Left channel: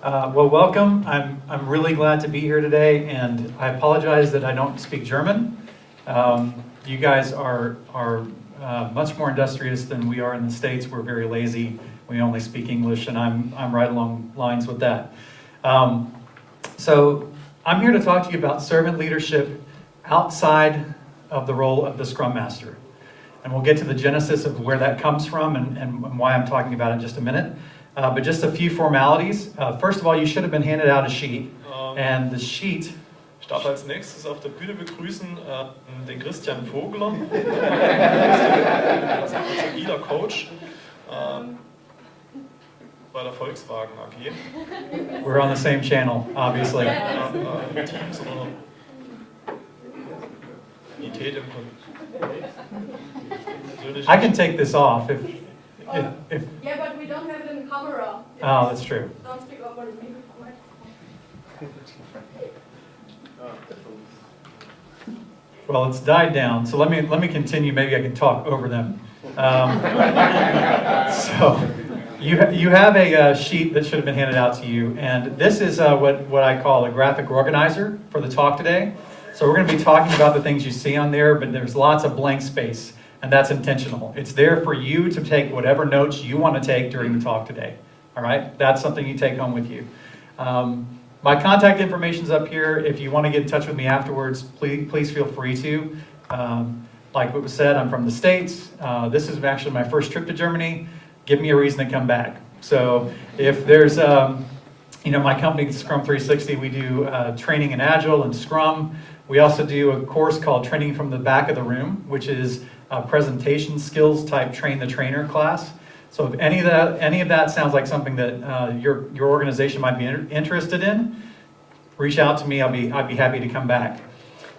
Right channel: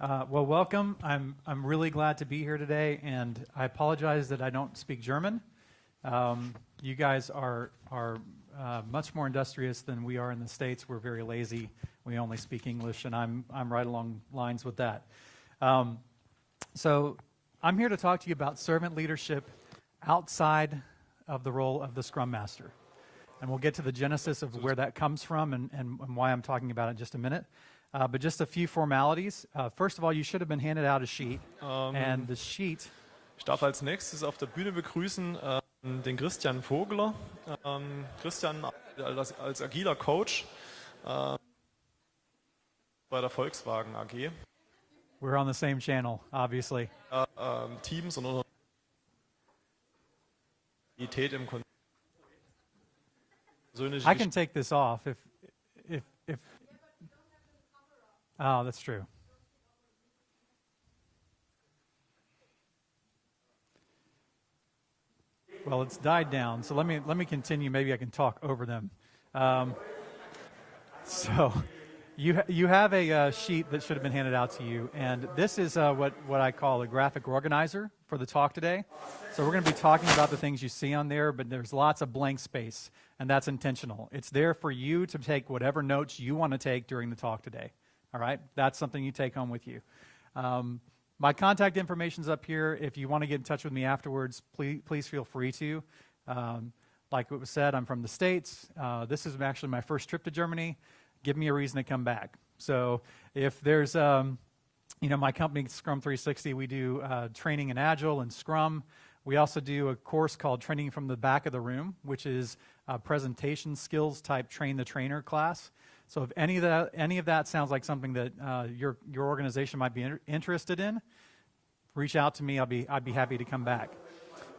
Well, welcome. I'm really glad to be here today, and I apologize that I don't speak German. You guys are much more industrious than we are in the States. We're very lazy. We only speak English, and I'm right along lines with that. So I'm here to talk to you about servant leadership outside of the role of the Scrum Master. And we'll get to the genesis of where that comes from and why I'm talking about it in just a minute. But just a few formalities. First of all, you should have been handed out a sheet. And the sheet... Ich darf als nächstes auf der Bühne begrüßen den Christian Vogler, das ist unser agiler Coach bei der Volkswagen AG. We're on the same channel, obviously. Teams oder Unität im I can take this off if... Yeah, but we don't have it in camera. Oh, that's true. Don't speak over the microphone. Well, it's died down, so let me continue. Maybe I can talk over them. So you have a sheet that should have been handed out to you, and this is what I call a graphic organizer for the talk today. So we're going to be talking about the things you see on there, but there's lots of blank space, and that's intentional. It's there for you to take whatever notes you want to take during the talk today. All right? That's something you take home with you. My contact information's up here. If you want to get in touch with me afterwards, please feel free to. Like what was said, I'm from the States. This is actually my first trip to Germany. Give me a reason to come back. So if there's, my company, Scrum 360, we do training in Agile and Scrum. We also do a course called Training from the Back of the Room, which is a presentation skills type train the trainer class. So if any of that sounds like something that your organization might be interested in, reach out to me. I'd be happy to come back.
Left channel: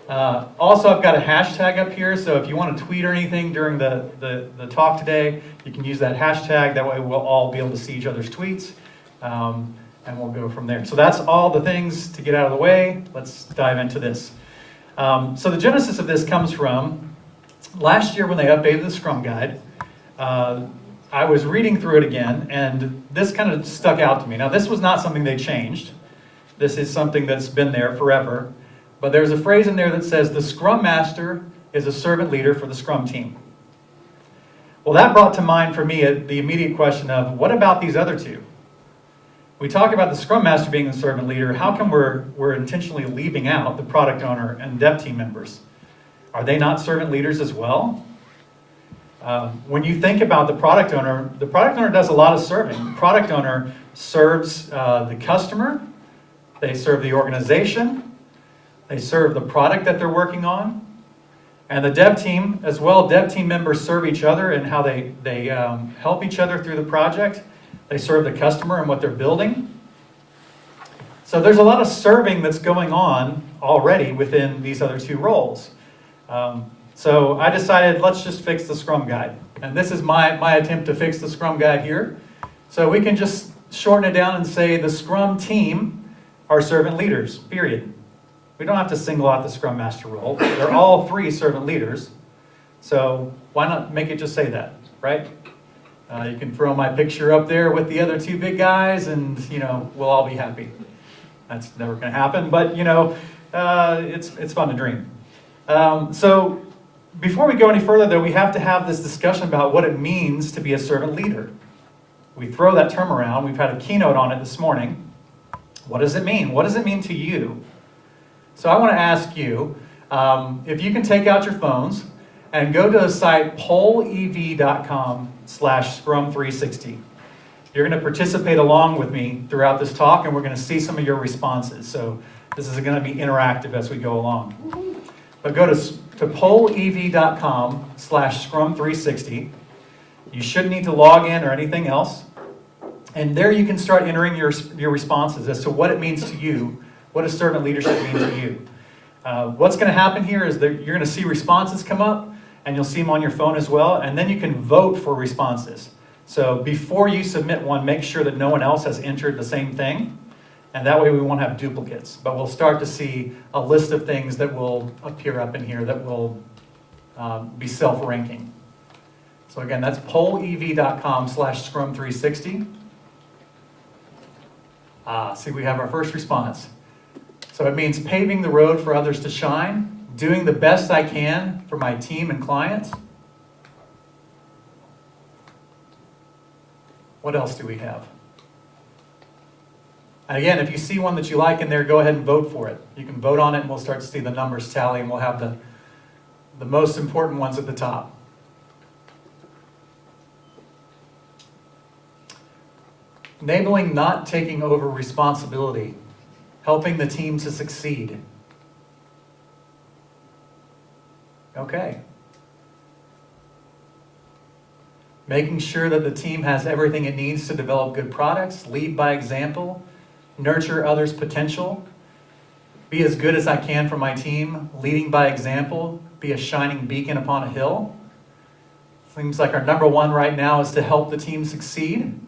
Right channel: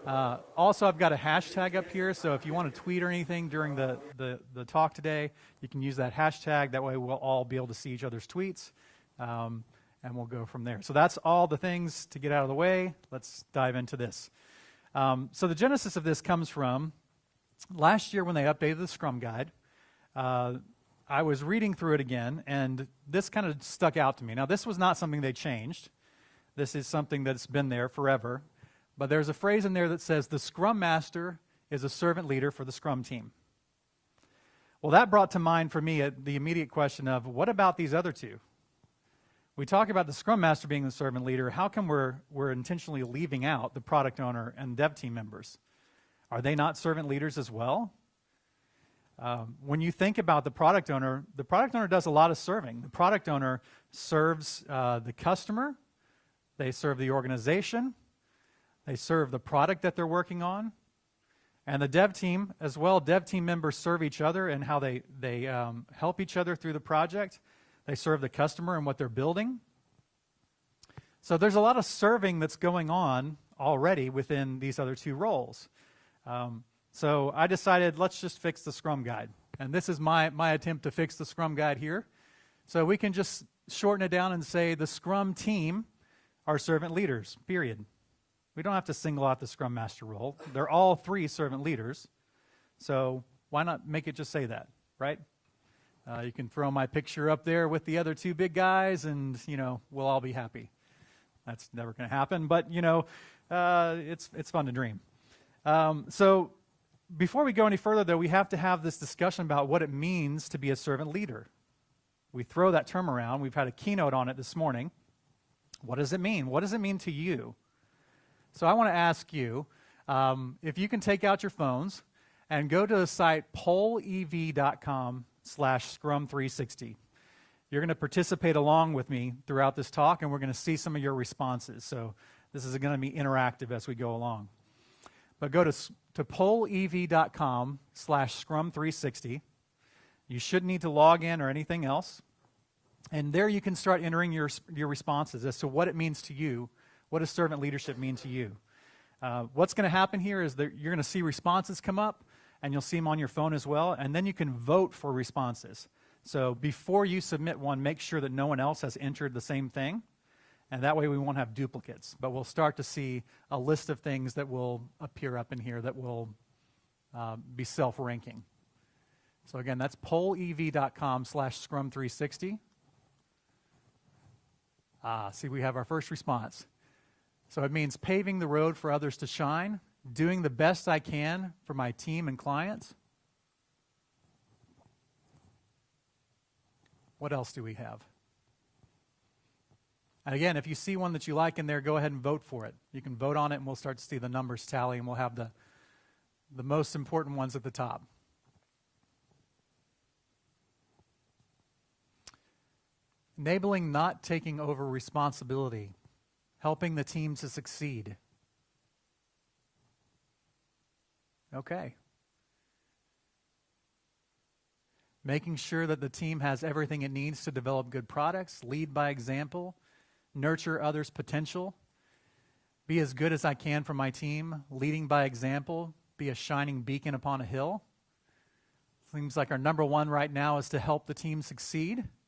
Also, I've got a hashtag up here, so if you want to tweet or anything during the talk today, you can use that hashtag. That way we'll all be able to see each other's tweets, and we'll go from there. So that's all the things to get out of the way. Let's dive into this. So the genesis of this comes from last year when they updated the Scrum Guide. I was reading through it again, and this kind of stuck out to me. Now, this was not something they changed. This is something that's been there forever. But there's a phrase in there that says, the Scrum Master is a servant leader for the Scrum team. Well, that brought to mind for me the immediate question of, what about these other two? We talk about the Scrum Master being the servant leader. How come we're intentionally leaving out the product owner and dev team members? Are they not servant leaders as well? When you think about the product owner does a lot of serving. The product owner serves the customer, they serve the organization, they serve the product that they're working on, and the dev team as well. Dev team members serve each other and how they help each other through the project. They serve the customer and what they're building. So there's a lot of serving that's going on already within these other two roles. So I decided, let's just fix the Scrum Guide. And this is my attempt to fix the Scrum Guide here. So we can just shorten it down and say the Scrum team are servant leaders, period. We don't have to single out the Scrum Master role. They're all three servant leaders. So why not make it just say that, right? You can throw my picture up there with the other two big guys and, we'll all be happy. That's never going to happen, but, it's fun to dream. So before we go any further, though, we have to have this discussion about what it means to be a servant leader. We throw that term around. We've had a keynote on it this morning. What does it mean? What does it mean to you? So I want to ask you, if you can take out your phones and go to the site pollev.com/Scrum360. You're going to participate along with me throughout this talk, and we're going to see some of your responses. So this is going to be interactive as we go along. But go to pollev.com/Scrum360. You shouldn't need to log in or anything else. And there you can start entering your responses as to what it means to you. What does servant leadership mean to you? What's going to happen here is that you're going to see responses come up, and you'll see them on your phone as well, and then you can vote for responses. So before you submit one, make sure that no one else has entered the same thing, and that way we won't have duplicates. But we'll start to see a list of things that will appear up in here that will be self-ranking. So again, that's pollev.com/Scrum360. See, we have our first response. So it means paving the road for others to shine, doing the best I can for my team and clients. What else do we have? And again, if you see one that you like in there, go ahead and vote for it. You can vote on it and we'll start to see the numbers tally and we'll have the most important ones at the top. Enabling not taking over responsibility, helping the team to succeed. Okay. Making sure that the team has everything it needs to develop good products, lead by example, nurture others' potential, be as good as I can for my team, leading by example, be a shining beacon upon a hill. Things like our number one right now is to help the team succeed,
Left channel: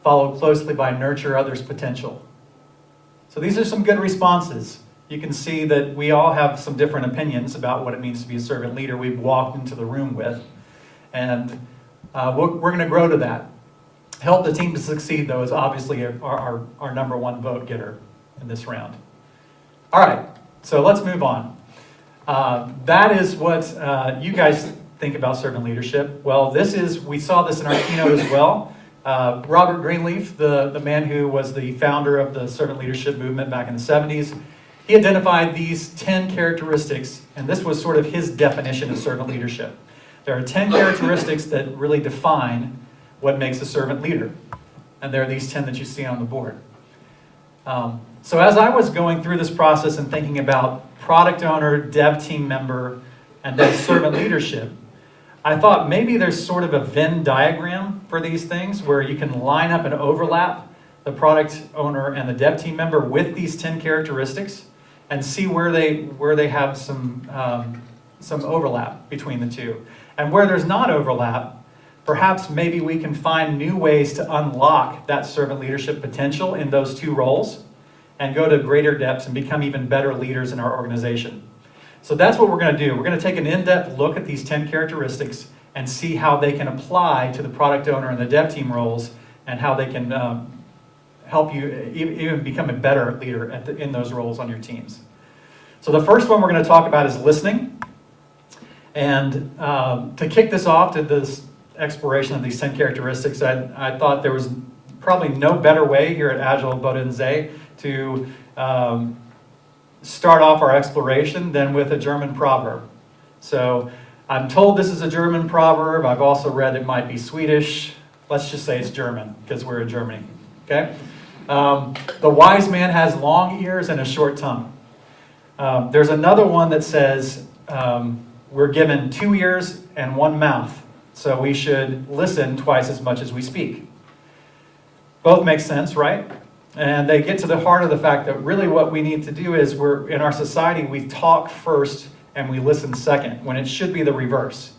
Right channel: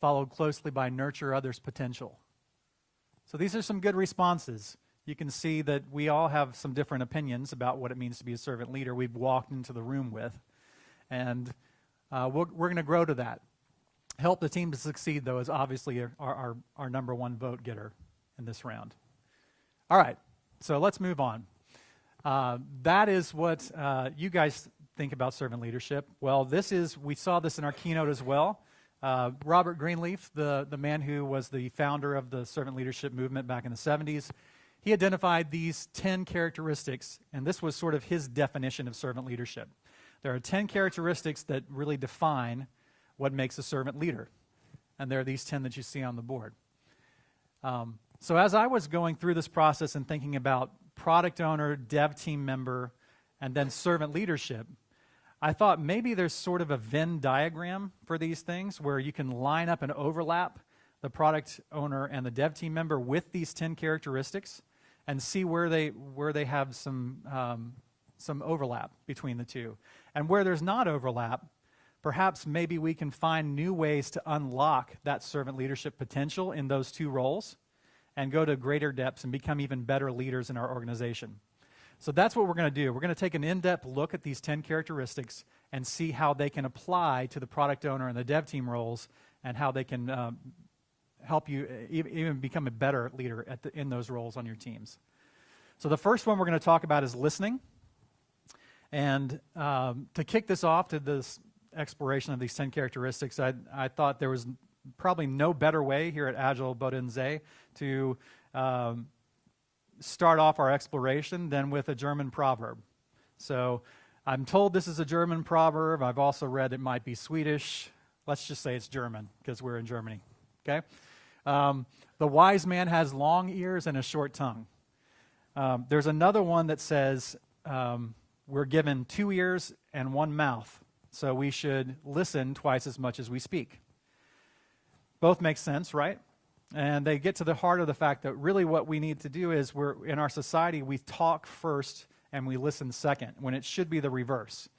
followed closely by nurture others' potential. So these are some good responses. You can see that we all have some different opinions about what it means to be a servant leader we've walked into the room with. And we're going to grow to that. Help the team to succeed, though, is obviously our number one vote getter in this round. All right, so let's move on. That is what you guys think about servant leadership. Well, we saw this in our keynote as well. Robert Greenleaf, the man who was the founder of the servant leadership movement back in the 70s, he identified these 10 characteristics, and this was sort of his definition of servant leadership. There are 10 characteristics that really define what makes a servant leader. And there are these 10 that you see on the board. So as I was going through this process and thinking about product owner, dev team member, and then servant leadership, I thought maybe there's sort of a Venn diagram for these things where you can line up and overlap the product owner and the dev team member with these 10 characteristics and see where they have some overlap between the two. And where there's not overlap, perhaps maybe we can find new ways to unlock that servant leadership potential in those two roles and go to greater depths and become even better leaders in our organization. So that's what we're going to do. We're going to take an in-depth look at these 10 characteristics and see how they can apply to the product owner and the dev team roles and how they can help you even become a better leader in those roles on your teams. So the first one we're going to talk about is listening. And to kick this off to this exploration of these 10 characteristics, I thought there was probably no better way here at Agile Bodensee to start off our exploration than with a German proverb. So I'm told this is a German proverb. I've also read it might be Swedish. Let's just say it's German because we're in Germany. Okay? The wise man has long ears and a short tongue. There's another one that says we're given 2 ears and 1 mouth, so we should listen twice as much as we speak. Both make sense, right? And they get to the heart of the fact that really what we need to do is in our society, we talk first and we listen second, when it should be the reverse.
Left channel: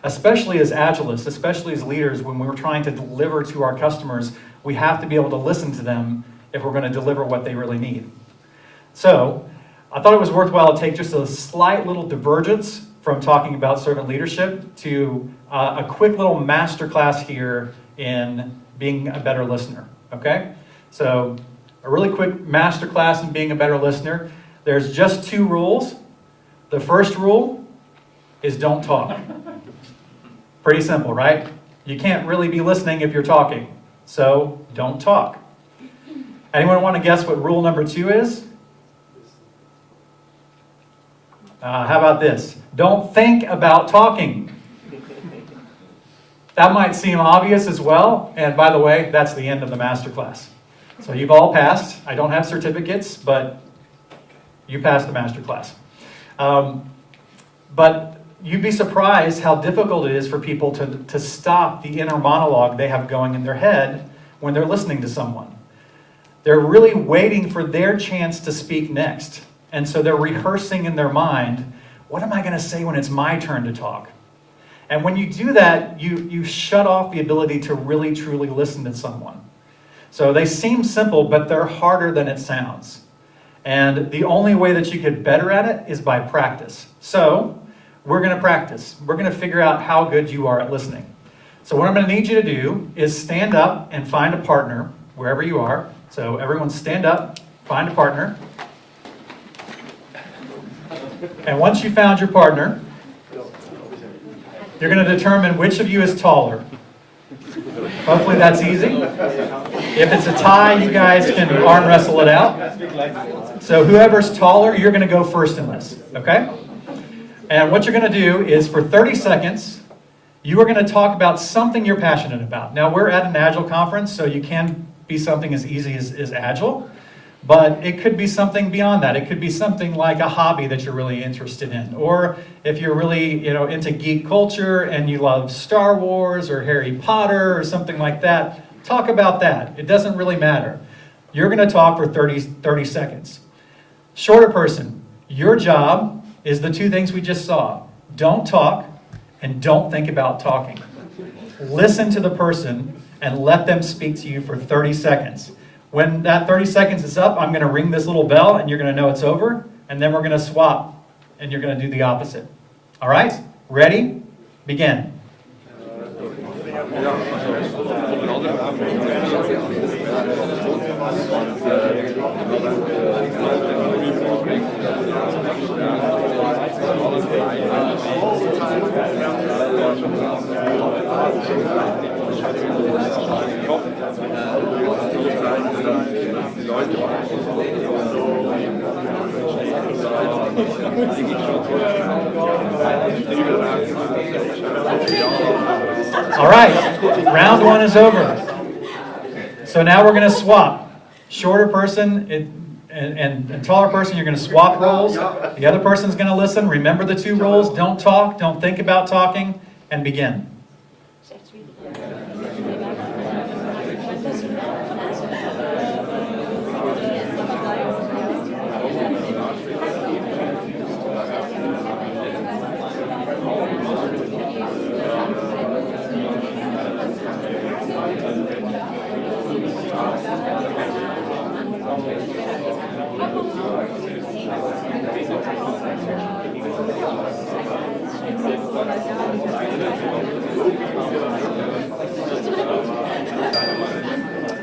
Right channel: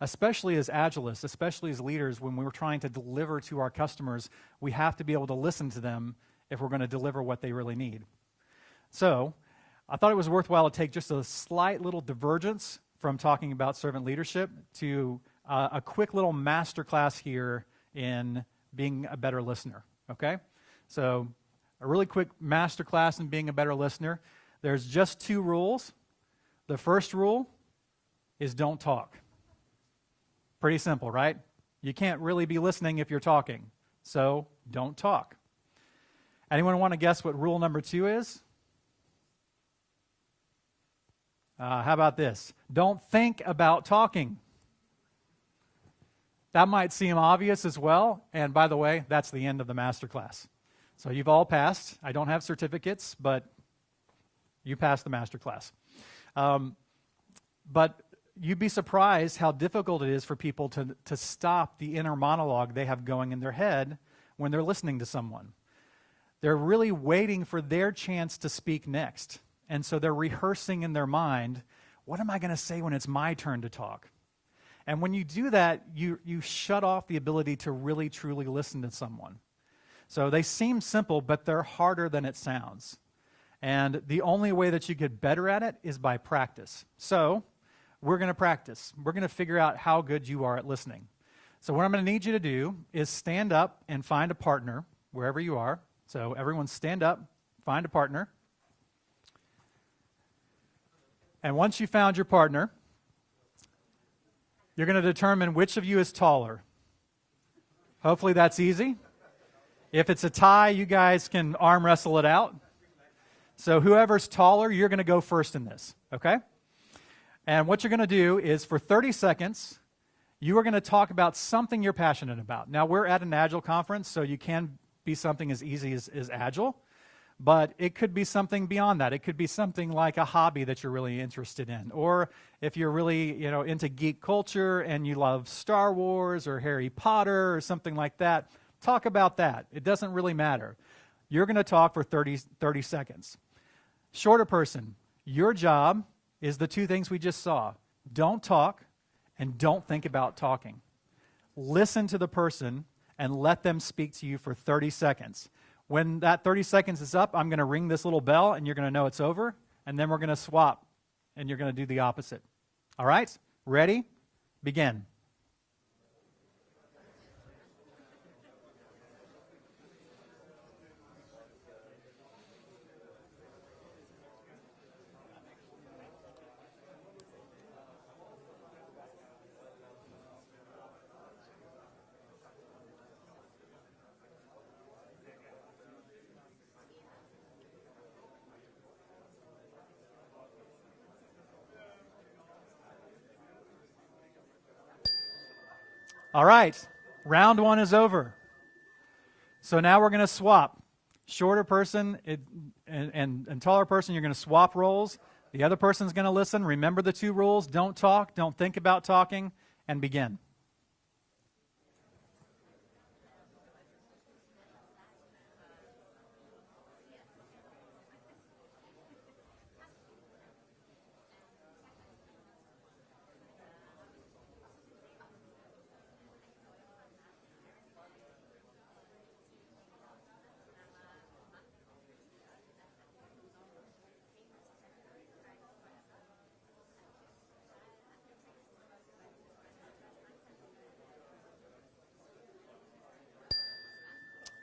Especially as Agilists, especially as leaders, when we're trying to deliver to our customers, we have to be able to listen to them if we're going to deliver what they really need. So I thought it was worthwhile to take just a slight little divergence from talking about servant leadership to a quick little masterclass here in being a better listener, okay? So a really quick masterclass in being a better listener. There's just 2 rules. The first rule is don't talk. Pretty simple, right? You can't really be listening if you're talking, so don't talk. Anyone want to guess what rule number 2 is? How about this? Don't think about talking. That might seem obvious as well, and by the way, that's the end of the masterclass. So you've all passed. I don't have certificates, but you passed the masterclass. But you'd be surprised how difficult it is for people to stop the inner monologue they have going in their head when they're listening to someone. They're really waiting for their chance to speak next. And so they're rehearsing in their mind, what am I going to say when it's my turn to talk? And when you do that, you shut off the ability to really, truly listen to someone. So they seem simple, but they're harder than it sounds. And the only way that you get better at it is by practice. So we're going to practice. We're going to figure out how good you are at listening. So what I'm going to need you to do is stand up and find a partner, wherever you are. So everyone stand up, find a partner. And once you found your partner, you're going to determine which of you is taller. Hopefully that's easy. If it's a tie, you guys can arm wrestle it out. So whoever's taller, you're going to go first in this, okay? And what you're going to do is for 30 seconds, you are going to talk about something you're passionate about. Now, we're at an Agile conference, so you can be something as easy as Agile, but it could be something beyond that. It could be something like a hobby that you're really interested in, or if you're really into geek culture and you love Star Wars or Harry Potter or something like that, talk about that. It doesn't really matter. You're going to talk for 30 seconds. Shorter person, your job is the two things we just saw. Don't talk and don't think about talking. Listen to the person and let them speak to you for 30 seconds. When that 30 seconds is up, I'm going to ring this little bell and you're going to know it's over, and then we're going to swap and you're going to do the opposite. All right? Ready? Begin. All right, round one is over. So now we're going to swap. Shorter person and taller person, you're going to swap roles. The other person's going to listen. Remember the two rules. Don't talk, don't think about talking, and begin.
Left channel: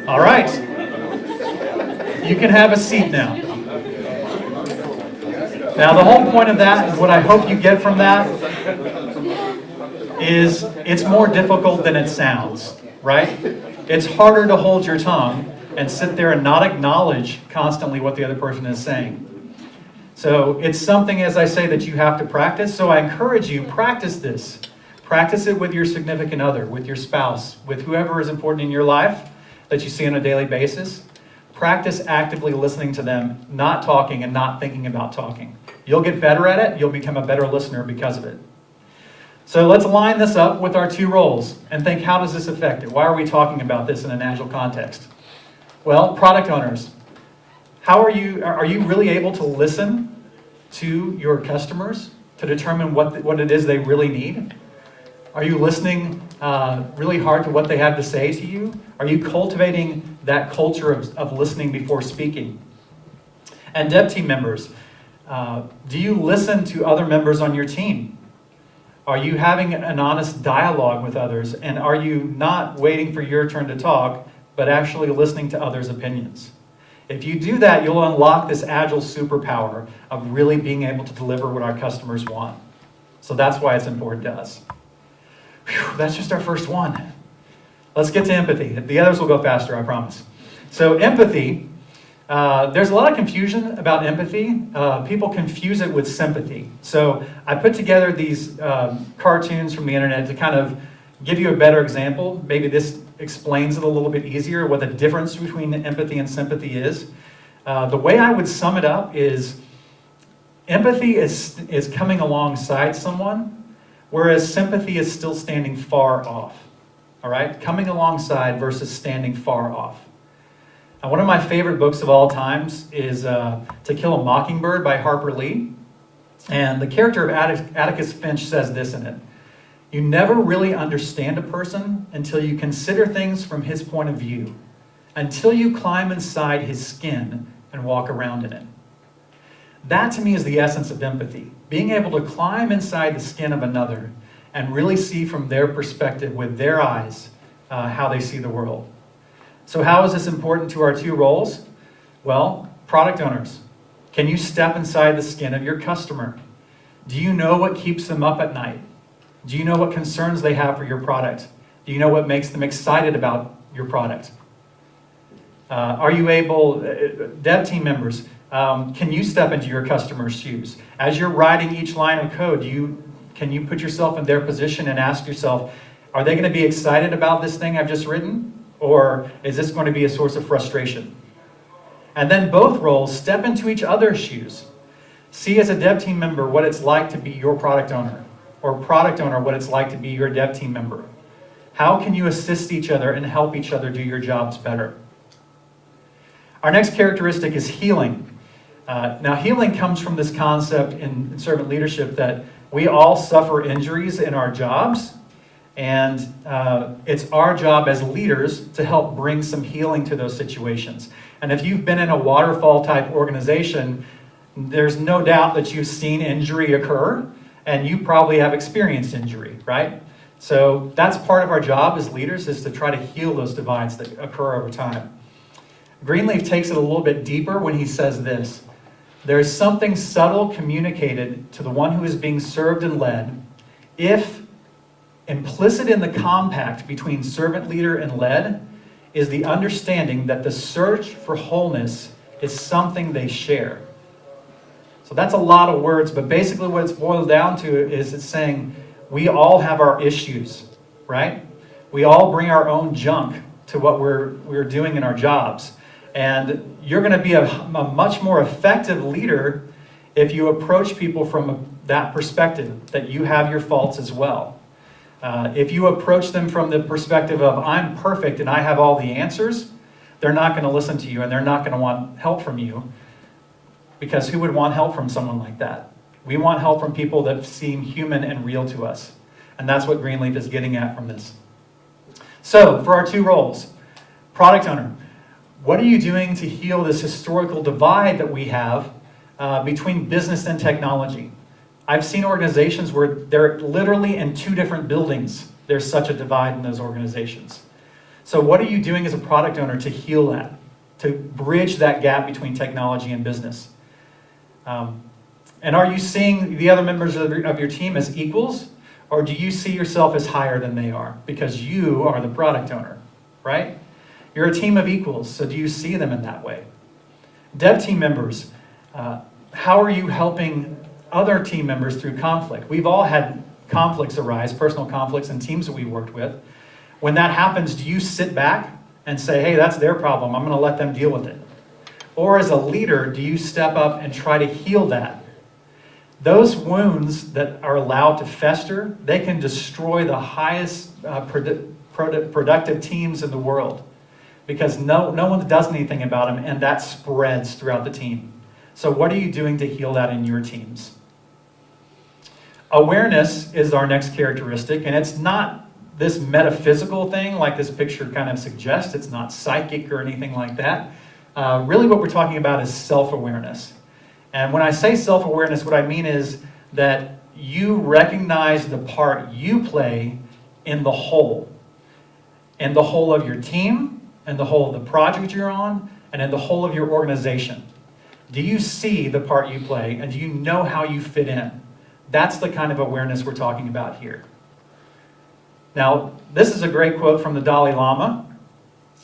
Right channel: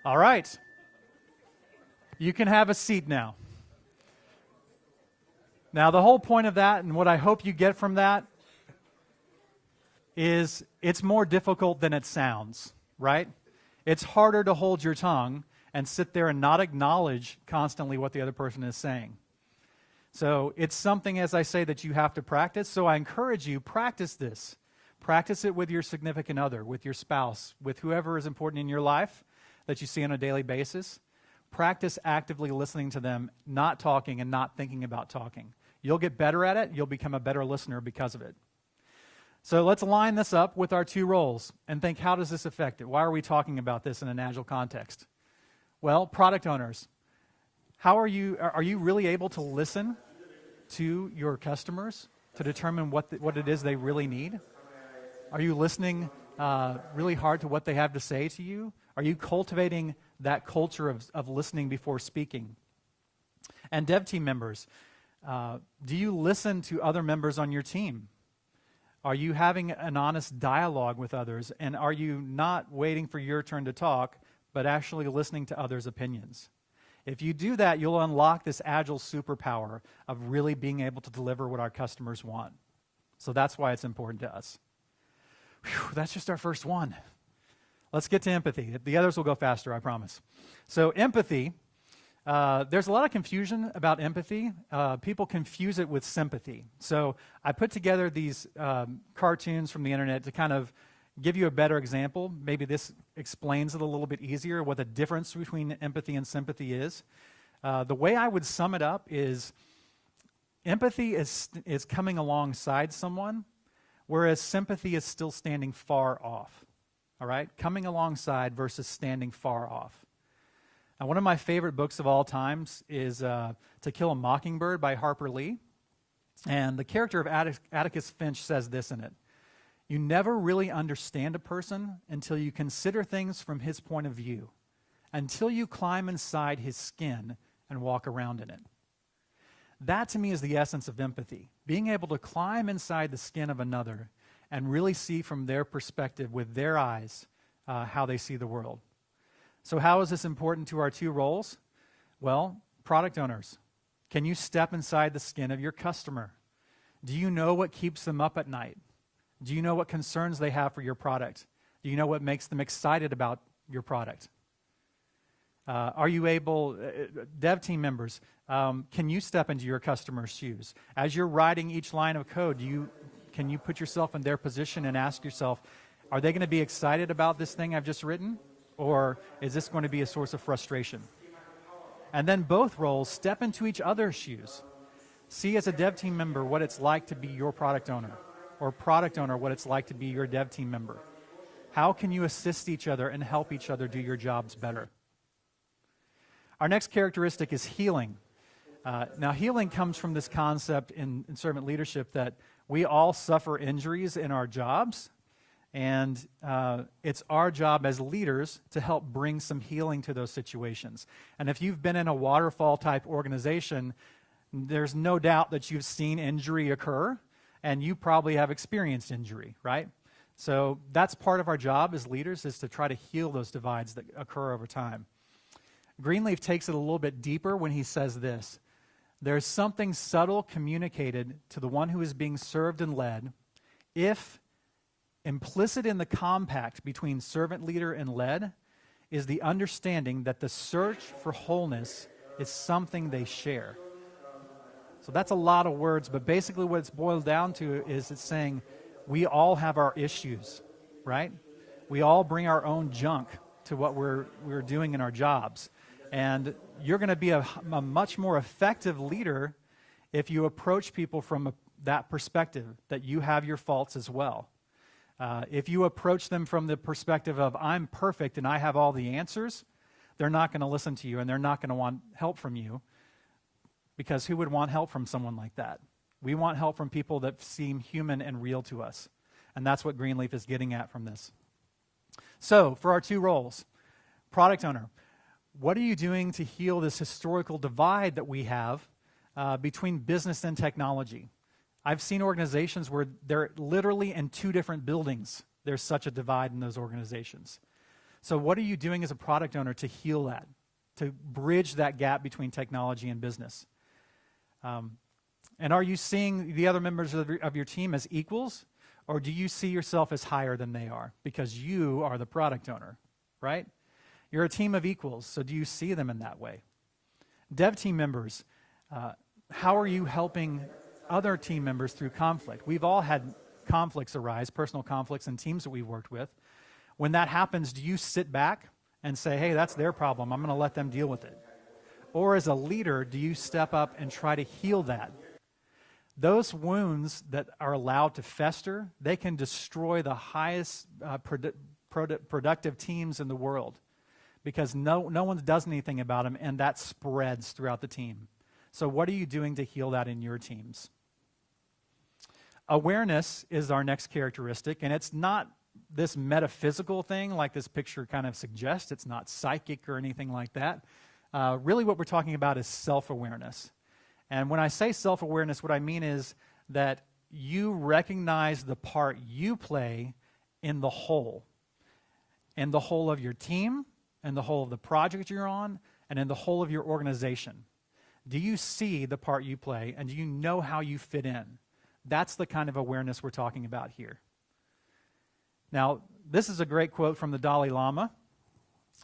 All right. You can have a seat now. Now, the whole point of that, and what I hope you get from that, is it's more difficult than it sounds, right? It's harder to hold your tongue and sit there and not acknowledge constantly what the other person is saying. So it's something, as I say, that you have to practice. So I encourage you, practice this. Practice it with your significant other, with your spouse, with whoever is important in your life that you see on a daily basis. Practice actively listening to them, not talking and not thinking about talking. You'll get better at it. You'll become a better listener because of it. So let's line this up with our two roles and think, how does this affect it? Why are we talking about this in an Agile context? Well, product owners, are you really able to listen to your customers to determine what it is they really need? Are you listening really hard to what they have to say to you? Are you cultivating that culture of listening before speaking? And dev team members, do you listen to other members on your team? Are you having an honest dialogue with others? And are you not waiting for your turn to talk, but actually listening to others' opinions? If you do that, you'll unlock this Agile superpower of really being able to deliver what our customers want. So that's why it's important to us. Whew, that's just our first one. Let's get to empathy. The others will go faster, I promise. So empathy, there's a lot of confusion about empathy. People confuse it with sympathy. So I put together these cartoons from the internet to kind of give you a better example. Maybe this explains it a little bit easier, what the difference between empathy and sympathy is. The way I would sum it up is empathy is coming alongside someone, whereas sympathy is still standing far off. All right? Coming alongside versus standing far off. One of my favorite books of all times is To Kill a Mockingbird by Harper Lee. And the character of Atticus Finch says this in it. You never really understand a person until you consider things from his point of view, until you climb inside his skin and walk around in it. That to me is the essence of empathy. Being able to climb inside the skin of another and really see from their perspective with their eyes how they see the world. So how is this important to our two roles? Well, product owners. Can you step inside the skin of your customer? Do you know what keeps them up at night? Do you know what concerns they have for your product? Do you know what makes them excited about your product? Are you able, dev team members, can you step into your customer's shoes? As you're writing each line of code, can you put yourself in their position and ask yourself, are they going to be excited about this thing I've just written? Or is this going to be a source of frustration? And then both roles step into each other's shoes. See as a dev team member what it's like to be your product owner, or product owner what it's like to be your dev team member. How can you assist each other and help each other do your jobs better? Our next characteristic is healing. Now, healing comes from this concept in servant leadership that we all suffer injuries in our jobs, and it's our job as leaders to help bring some healing to those situations. And if you've been in a waterfall type organization, there's no doubt that you've seen injury occur, and you probably have experienced injury, right? So that's part of our job as leaders, is to try to heal those divides that occur over time. Greenleaf takes it a little bit deeper when he says this: there's something subtle communicated to the one who is being served and led if implicit in the compact between servant leader and led is the understanding that the search for wholeness is something they share. So that's a lot of words, but basically what it's boiled down to is it's saying we all have our issues, right? We all bring our own junk to what we're doing in our jobs. And you're going to be a much more effective leader if you approach people from that perspective, that you have your faults as well. If you approach them from the perspective of, I'm perfect and I have all the answers, they're not going to listen to you and they're not going to want help from you. Because who would want help from someone like that? We want help from people that seem human and real to us. And that's what Greenleaf is getting at from this. So, for our two roles, product owner. What are you doing to heal this historical divide that we have between business and technology? I've seen organizations where they're literally in two different buildings. There's such a divide in those organizations. So what are you doing as a product owner to heal that, to bridge that gap between technology and business? And are you seeing the other members of your team as equals, or do you see yourself as higher than they are because you are the product owner, right? You're a team of equals, so do you see them in that way? Dev team members, how are you helping other team members through conflict? We've all had conflicts arise, personal conflicts in teams that we've worked with. When that happens, do you sit back and say, hey, that's their problem, I'm going to let them deal with it? Or as a leader, do you step up and try to heal that? Those wounds that are allowed to fester, they can destroy the highest productive teams in the world, because no one does anything about them, and that spreads throughout the team. So what are you doing to heal that in your teams? Awareness is our next characteristic, and it's not this metaphysical thing like this picture kind of suggests. It's not psychic or anything like that. Really what we're talking about is self-awareness. And when I say self-awareness, what I mean is that you recognize the part you play in the whole of your team, and the whole of the project you're on, and in the whole of your organization. Do you see the part you play, and do you know how you fit in? That's the kind of awareness we're talking about here. Now, this is a great quote from the Dalai Lama,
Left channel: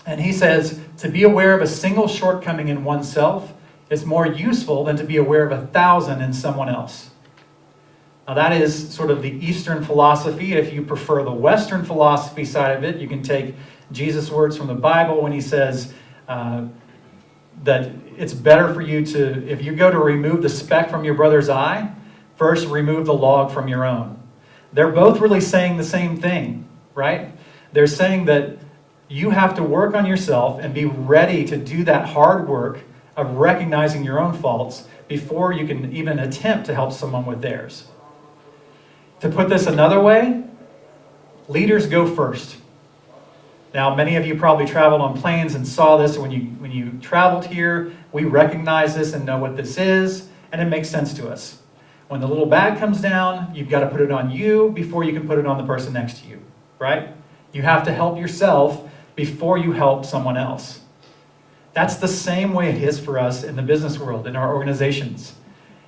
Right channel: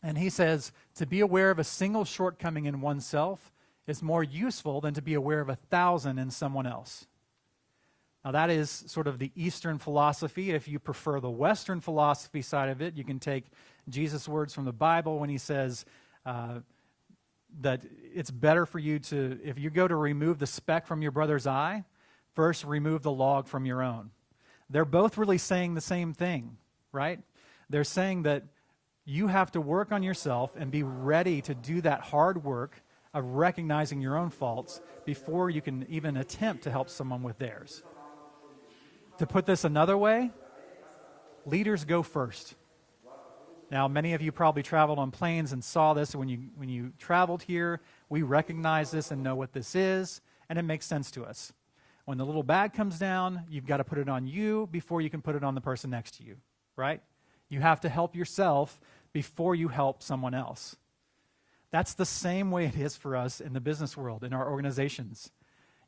and he says, to be aware of a single shortcoming in oneself is more useful than to be aware of 1,000 in someone else. Now that is sort of the Eastern philosophy. If you prefer the Western philosophy side of it, you can take Jesus' words from the Bible when he says that it's better for you to, if you go to remove the speck from your brother's eye, first remove the log from your own. They're both really saying the same thing, right? They're saying that you have to work on yourself and be ready to do that hard work of recognizing your own faults before you can even attempt to help someone with theirs. To put this another way, leaders go first. Now, many of you probably traveled on planes and saw this when you traveled here. We recognize this and know what this is, and it makes sense to us. When the little bag comes down, you've got to put it on you before you can put it on the person next to you, right? You have to help yourself before you help someone else. That's the same way it is for us in the business world, in our organizations.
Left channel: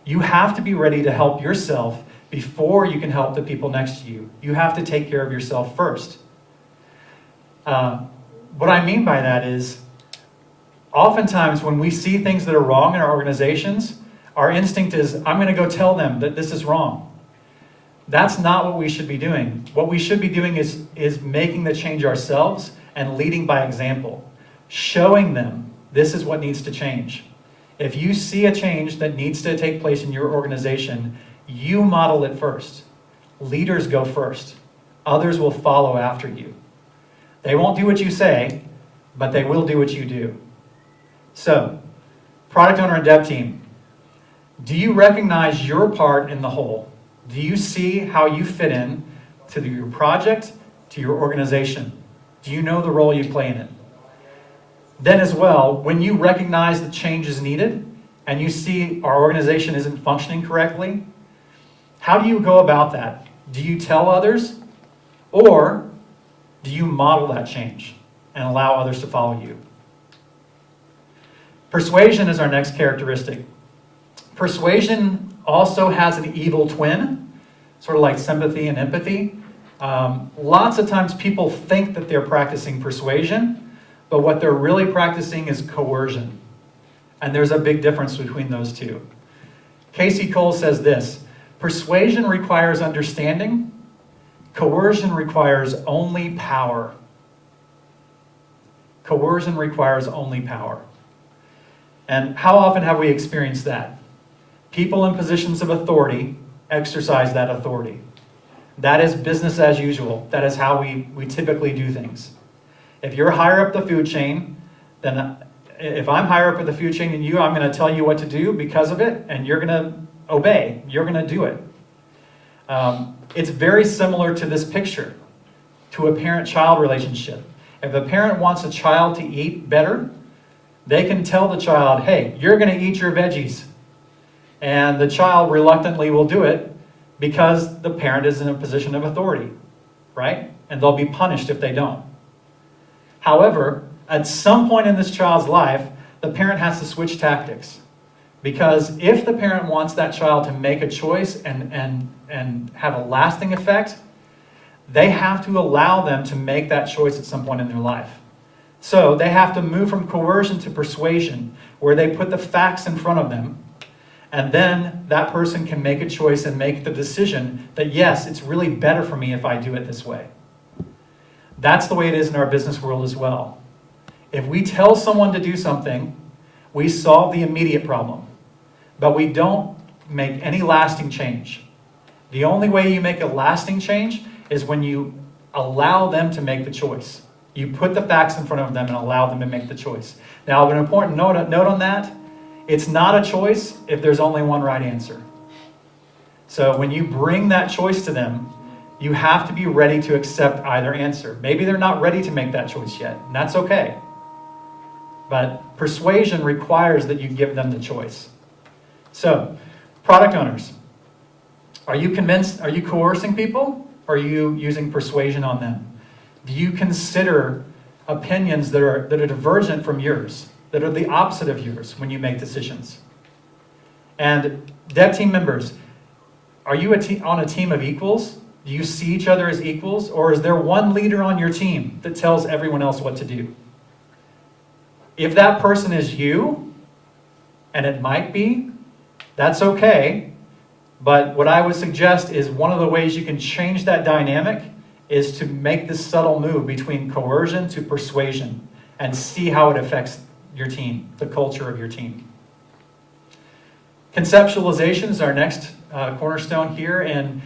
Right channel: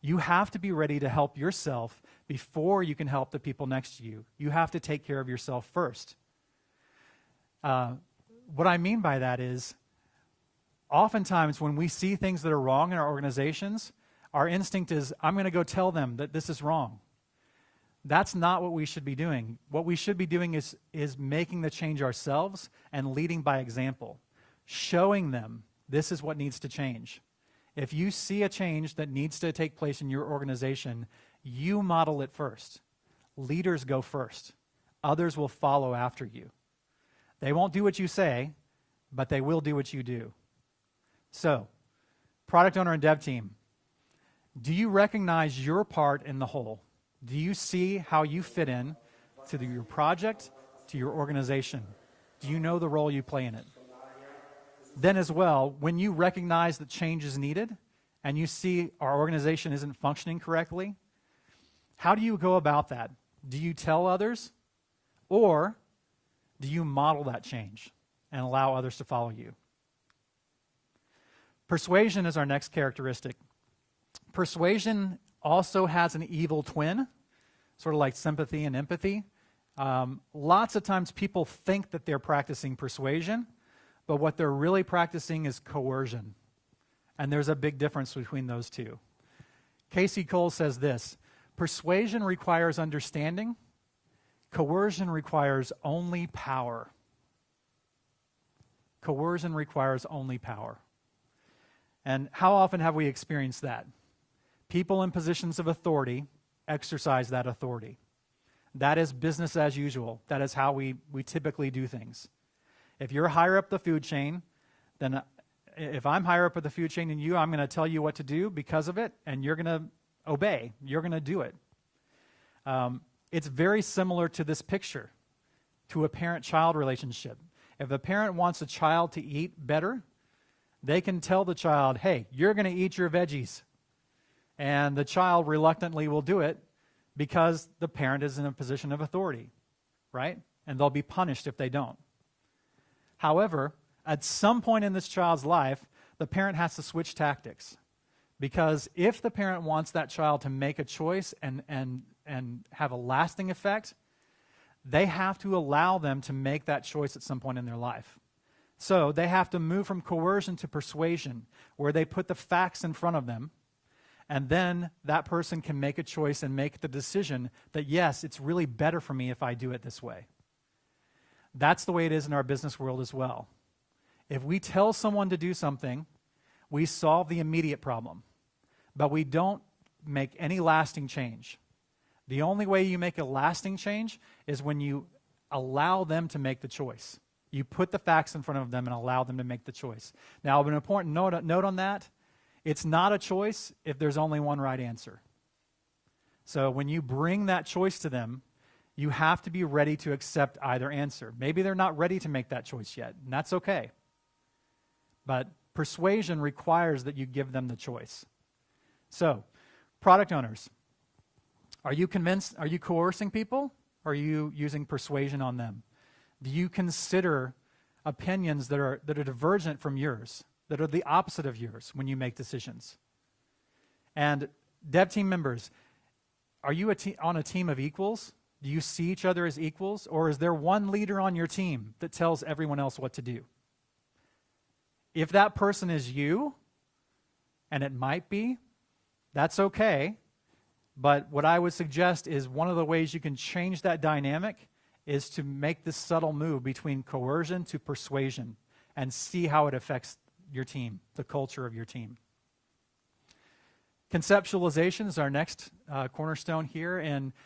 You have to be ready to help yourself before you can help the people next to you. You have to take care of yourself first. What I mean by that is, oftentimes when we see things that are wrong in our organizations, our instinct is, I'm going to go tell them that this is wrong. That's not what we should be doing. What we should be doing is making the change ourselves and leading by example, showing them this is what needs to change. If you see a change that needs to take place in your organization, you model it first. Leaders go first. Others will follow after you. They won't do what you say, but they will do what you do. So, product owner and dev team, do you recognize your part in the whole? Do you see how you fit in to your project, to your organization? Do you know the role you play in it? Then as well, when you recognize the change is needed and you see our organization isn't functioning correctly, how do you go about that? Do you tell others, or do you model that change and allow others to follow you? Persuasion is our next characteristic. Persuasion also has an evil twin, sort of like sympathy and empathy. Lots of times people think that they're practicing persuasion, but what they're really practicing is coercion. And there's a big difference between those two. Casey Cole says this: persuasion requires understanding, coercion requires only power. Coercion requires only power. And how often have we experienced that? People in positions of authority exercise that authority. That is business as usual. That is how we typically do things. If you're higher up the food chain, then if I'm higher up in the food chain than you, I'm going to tell you what to do because of it, and you're going to obey. You're going to do it. It's very similar to this picture, to a parent-child relationship. If a parent wants a child to eat better, they can tell the child, hey, you're going to eat your veggies. And the child reluctantly will do it because the parent is in a position of authority, right? And they'll be punished if they don't. However, at some point in this child's life, the parent has to switch tactics. Because if the parent wants that child to make a choice and have a lasting effect, they have to allow them to make that choice at some point in their life. So they have to move from coercion to persuasion, where they put the facts in front of them, and then that person can make a choice and make the decision that, yes, it's really better for me if I do it this way. That's the way it is in our business world as well. If we tell someone to do something, we solve the immediate problem, but we don't make any lasting change. The only way you make a lasting change is when you allow them to make the choice. You put the facts in front of them and allow them to make the choice. Now, an important note on that, it's not a choice if there's only one right answer. So when you bring that choice to them, you have to be ready to accept either answer. Maybe they're not ready to make that choice yet, and that's okay. But persuasion requires that you give them the choice. So, product owners, are you convinced, are you coercing people, or are you using persuasion on them? Do you consider opinions that are divergent from yours, that are the opposite of yours when you make decisions? And dev team members, are you on a team of equals? Do you see each other as equals? Or is there one leader on your team that tells everyone else what to do? If that person is you, and it might be, that's okay. But what I would suggest is one of the ways you can change that dynamic is to make this subtle move between coercion to persuasion and see how it affects your team, the culture of your team. Conceptualization is our next cornerstone here, and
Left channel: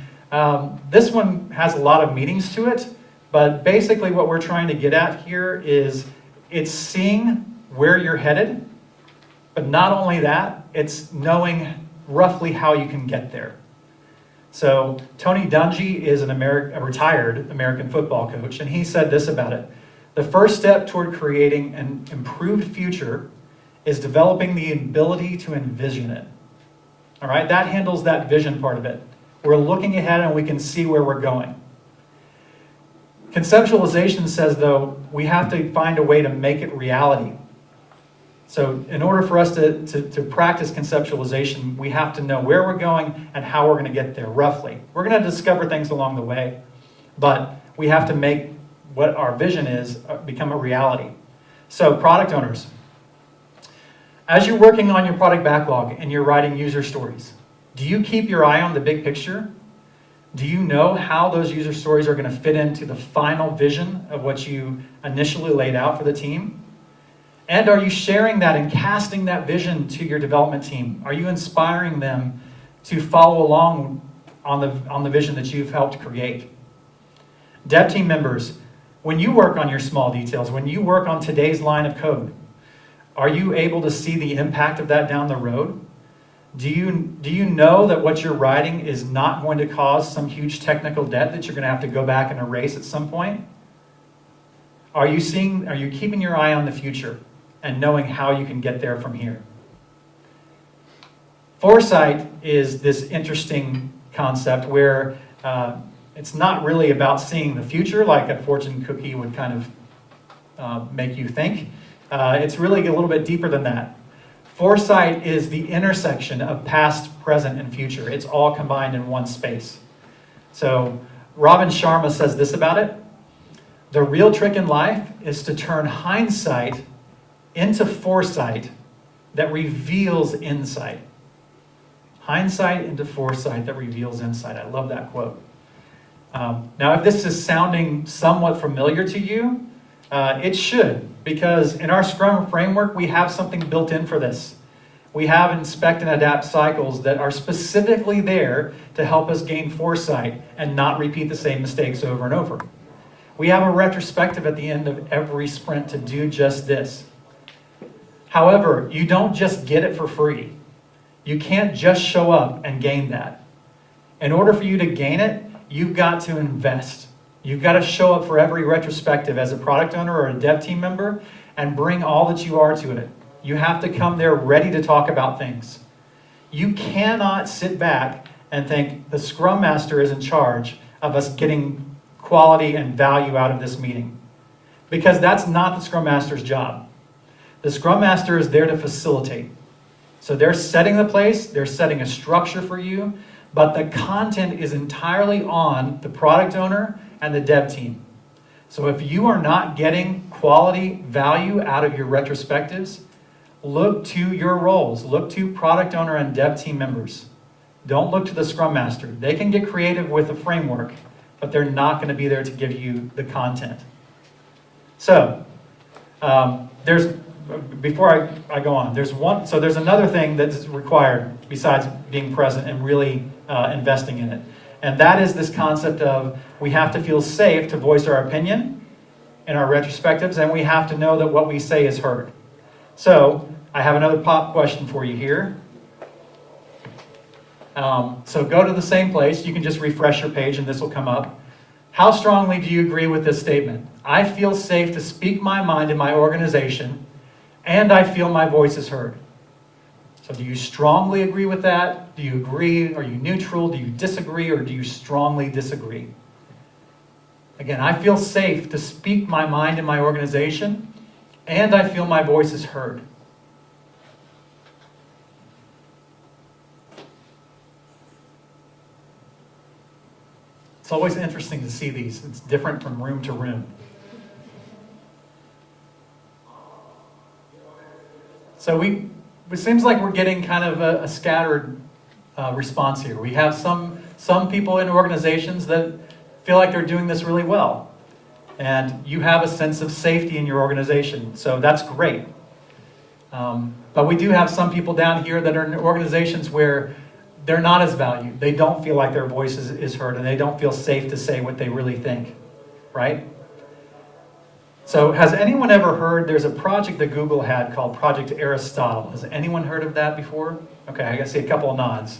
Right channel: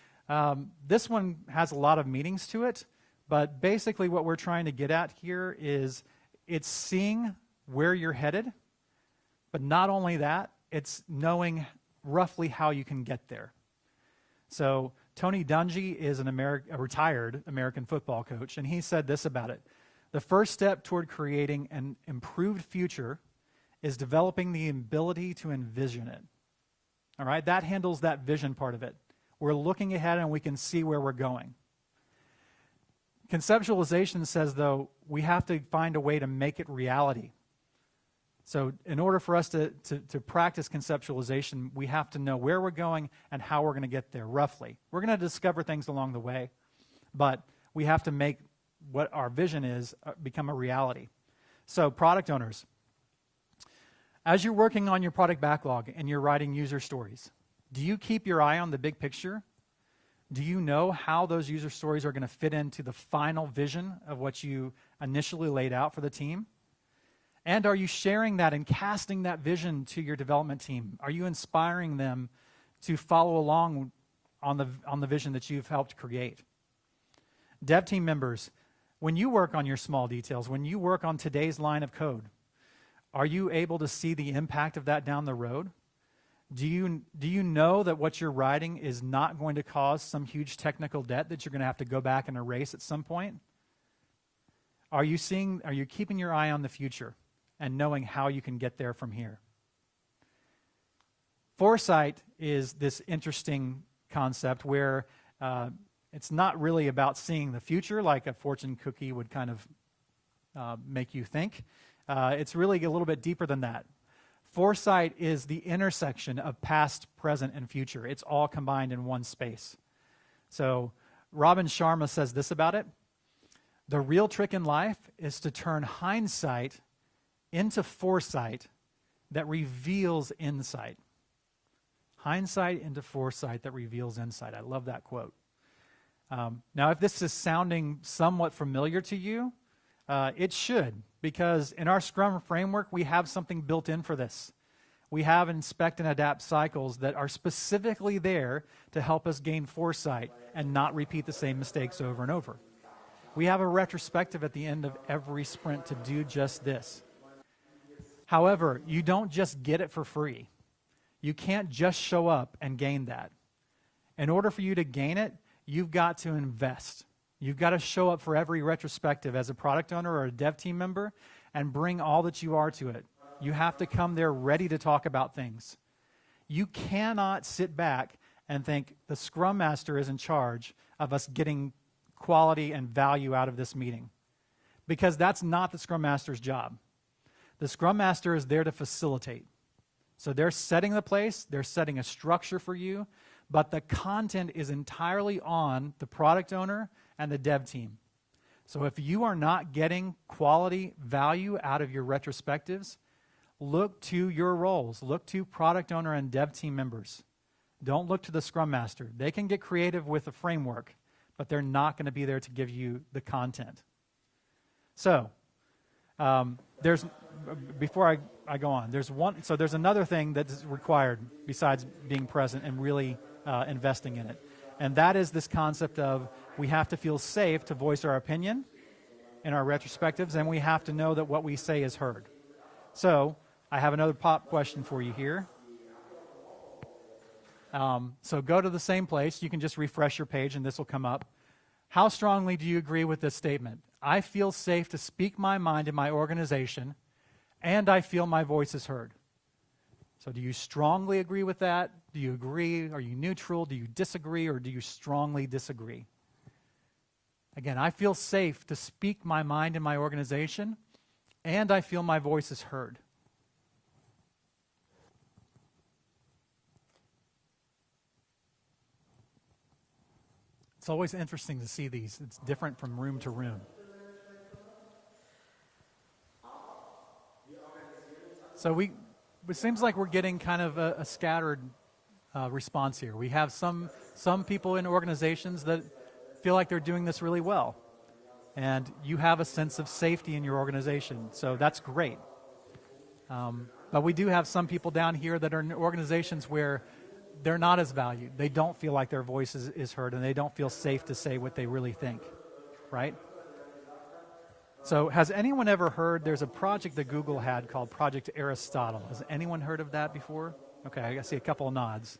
this one has a lot of meanings to it, but basically what we're trying to get at here is it's seeing where you're headed, but not only that, it's knowing roughly how you can get there. So Tony Dungy is a retired American football coach, and he said this about it: the first step toward creating an improved future is developing the ability to envision it. All right, that handles that vision part of it. We're looking ahead and we can see where we're going. Conceptualization says, though, we have to find a way to make it reality. So in order for us to practice conceptualization, we have to know where we're going and how we're going to get there, roughly. We're going to discover things along the way, but we have to make what our vision is become a reality. So product owners, as you're working on your product backlog and you're writing user stories, do you keep your eye on the big picture? Do you know how those user stories are going to fit into the final vision of what you initially laid out for the team? And are you sharing that and casting that vision to your development team? Are you inspiring them to follow along on the vision that you've helped create? Dev team members, when you work on your small details, when you work on today's line of code, are you able to see the impact of that down the road? Do you know that what you're writing is not going to cause some huge technical debt that you're going to have to go back and erase at some point? Are you keeping your eye on the future and knowing how you can get there from here? Foresight is this interesting concept where it's not really about seeing the future like a fortune cookie would kind of make you think. It's really a little bit deeper than that. Foresight is the intersection of past, present, and future. It's all combined in one space. So Robin Sharma says this about it: the real trick in life is to turn hindsight into foresight that reveals insight. Hindsight into foresight that reveals insight. I love that quote. Now, if this is sounding somewhat familiar to you, it should, because in our Scrum framework, we have something built in for this. We have inspect and adapt cycles that are specifically there to help us gain foresight and not repeat the same mistakes over and over. We have a retrospective at the end of every sprint to do just this. However, you don't just get it for free. You can't just show up and gain that. In order for you to gain it, you've got to invest. You've got to show up for every retrospective as a product owner or a dev team member and bring all that you are to it. You have to come there ready to talk about things. You cannot sit back and think the Scrum Master is in charge of us getting quality and value out of this meeting, because that's not the Scrum Master's job. The Scrum Master is there to facilitate. So they're setting the place, they're setting a structure for you, but the content is entirely on the product owner and the dev team. So if you are not getting quality value out of your retrospectives, look to your roles. Look to product owner and dev team members. Don't look to the Scrum Master. They can get creative with the framework, but they're not going to be there to give you the content. So, before I go on, there's another thing that's required besides being present and really investing in it. And that is this concept of we have to feel safe to voice our opinion in our retrospectives, and we have to know that what we say is heard. So I have another pop question for you here. So go to the same place. You can just refresh your page and this will come up. How strongly do you agree with this statement? I feel safe to speak my mind in my organization, and I feel my voice is heard. So do you strongly agree with that? Do you agree? Are you neutral? Do you disagree? Or do you strongly disagree? Again, I feel safe to speak my mind in my organization, and I feel my voice is heard. It's always interesting to see these. It's different from room to room. So it seems like we're getting kind of a scattered response here. We have some people in organizations that feel like they're doing this really well. And you have a sense of safety in your organization, so that's great. But we do have some people down here that are in organizations where they're not as valued. They don't feel like their voice is heard, and they don't feel safe to say what they really think, right? So has anyone ever heard, there's a project that Google had called Project Aristotle. Has anyone heard of that before? Okay, I see a couple of nods.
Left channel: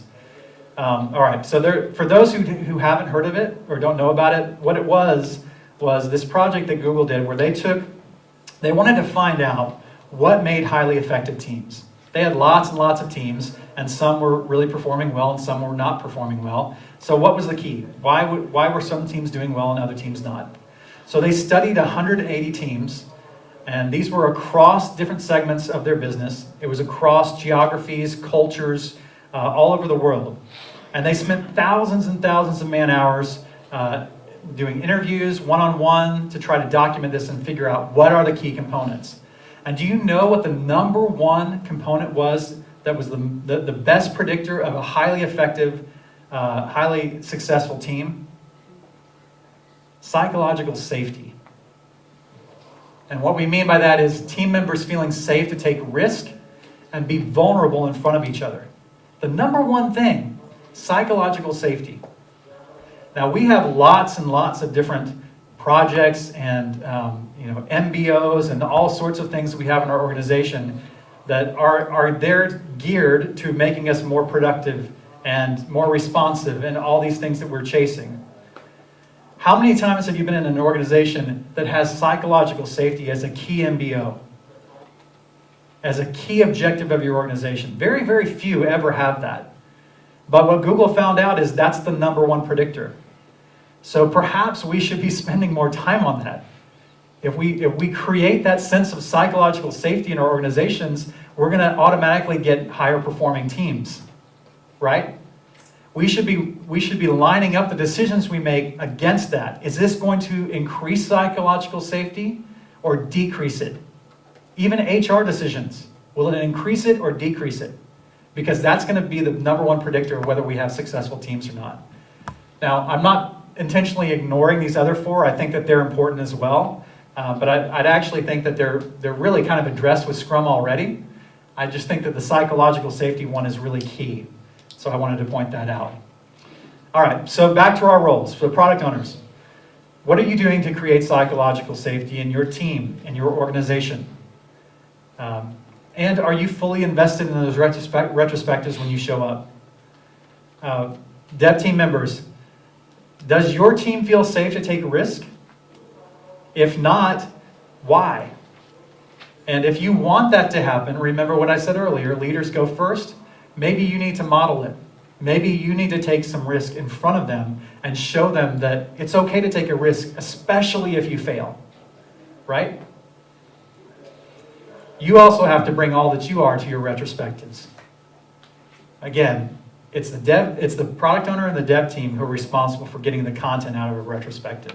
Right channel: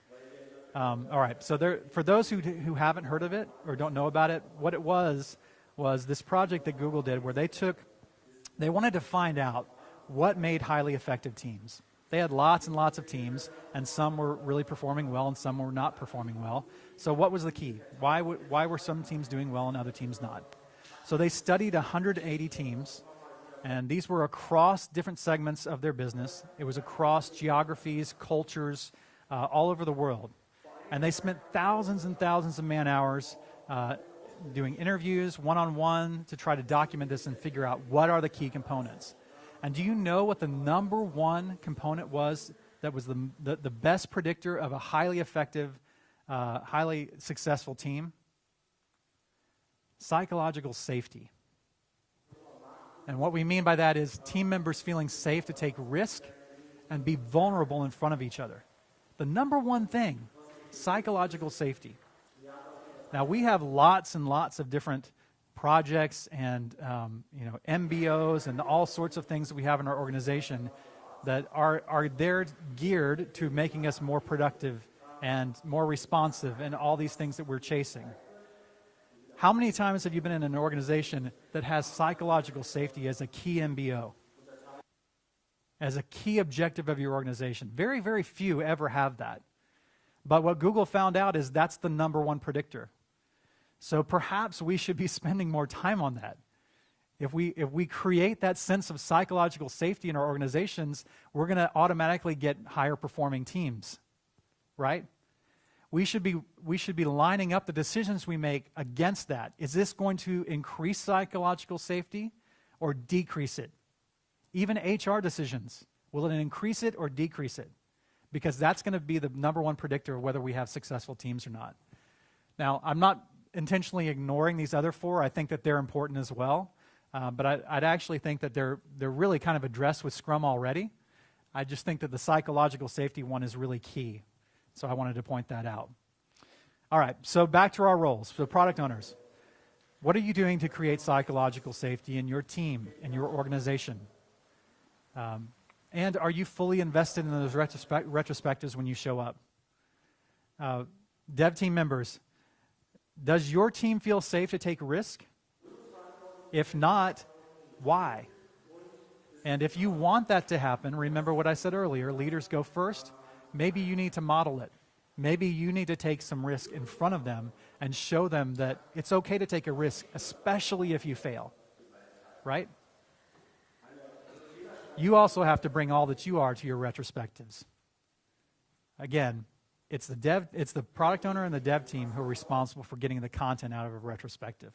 All right, so for those who haven't heard of it or don't know about it, what it was this project that Google did where they wanted to find out what made highly effective teams. They had lots and lots of teams, and some were really performing well and some were not performing well. So what was the key? Why were some teams doing well and other teams not? So they studied 180 teams, and these were across different segments of their business. It was across geographies, cultures, all over the world. And they spent thousands and thousands of man hours doing interviews, one-on-one, to try to document this and figure out what are the key components. And do you know what the number one component was that was the best predictor of a highly effective, highly successful team? Psychological safety. And what we mean by that is team members feeling safe to take risk and be vulnerable in front of each other. The number one thing, psychological safety. Now we have lots and lots of different projects and MBOs and all sorts of things that we have in our organization that are there geared to making us more productive and more responsive and all these things that we're chasing. How many times have you been in an organization that has psychological safety as a key MBO? As a key objective of your organization? Very, very few ever have that. But what Google found out is that's the number one predictor. So perhaps we should be spending more time on that. If we create that sense of psychological safety in our organizations, we're going to automatically get higher performing teams, right? We should be lining up the decisions we make against that. Is this going to increase psychological safety or decrease it? Even HR decisions, will it increase it or decrease it? Because that's going to be the number one predictor of whether we have successful teams or not. Now, I'm not intentionally ignoring these other four. I think that they're important as well. But I'd actually think that they're really kind of addressed with Scrum already. I just think that the psychological safety one is really key. So I wanted to point that out. All right, so back to our roles. So product owners, what are you doing to create psychological safety in your team, in your organization? And are you fully invested in those retrospectives when you show up? Dev team members, does your team feel safe to take a risk? If not, why? And if you want that to happen, remember what I said earlier, leaders go first. Maybe you need to model it. Maybe you need to take some risk in front of them and show them that it's okay to take a risk, especially if you fail, right? You also have to bring all that you are to your retrospectives. Again, it's the product owner and the dev team who are responsible for getting the content out of a retrospective.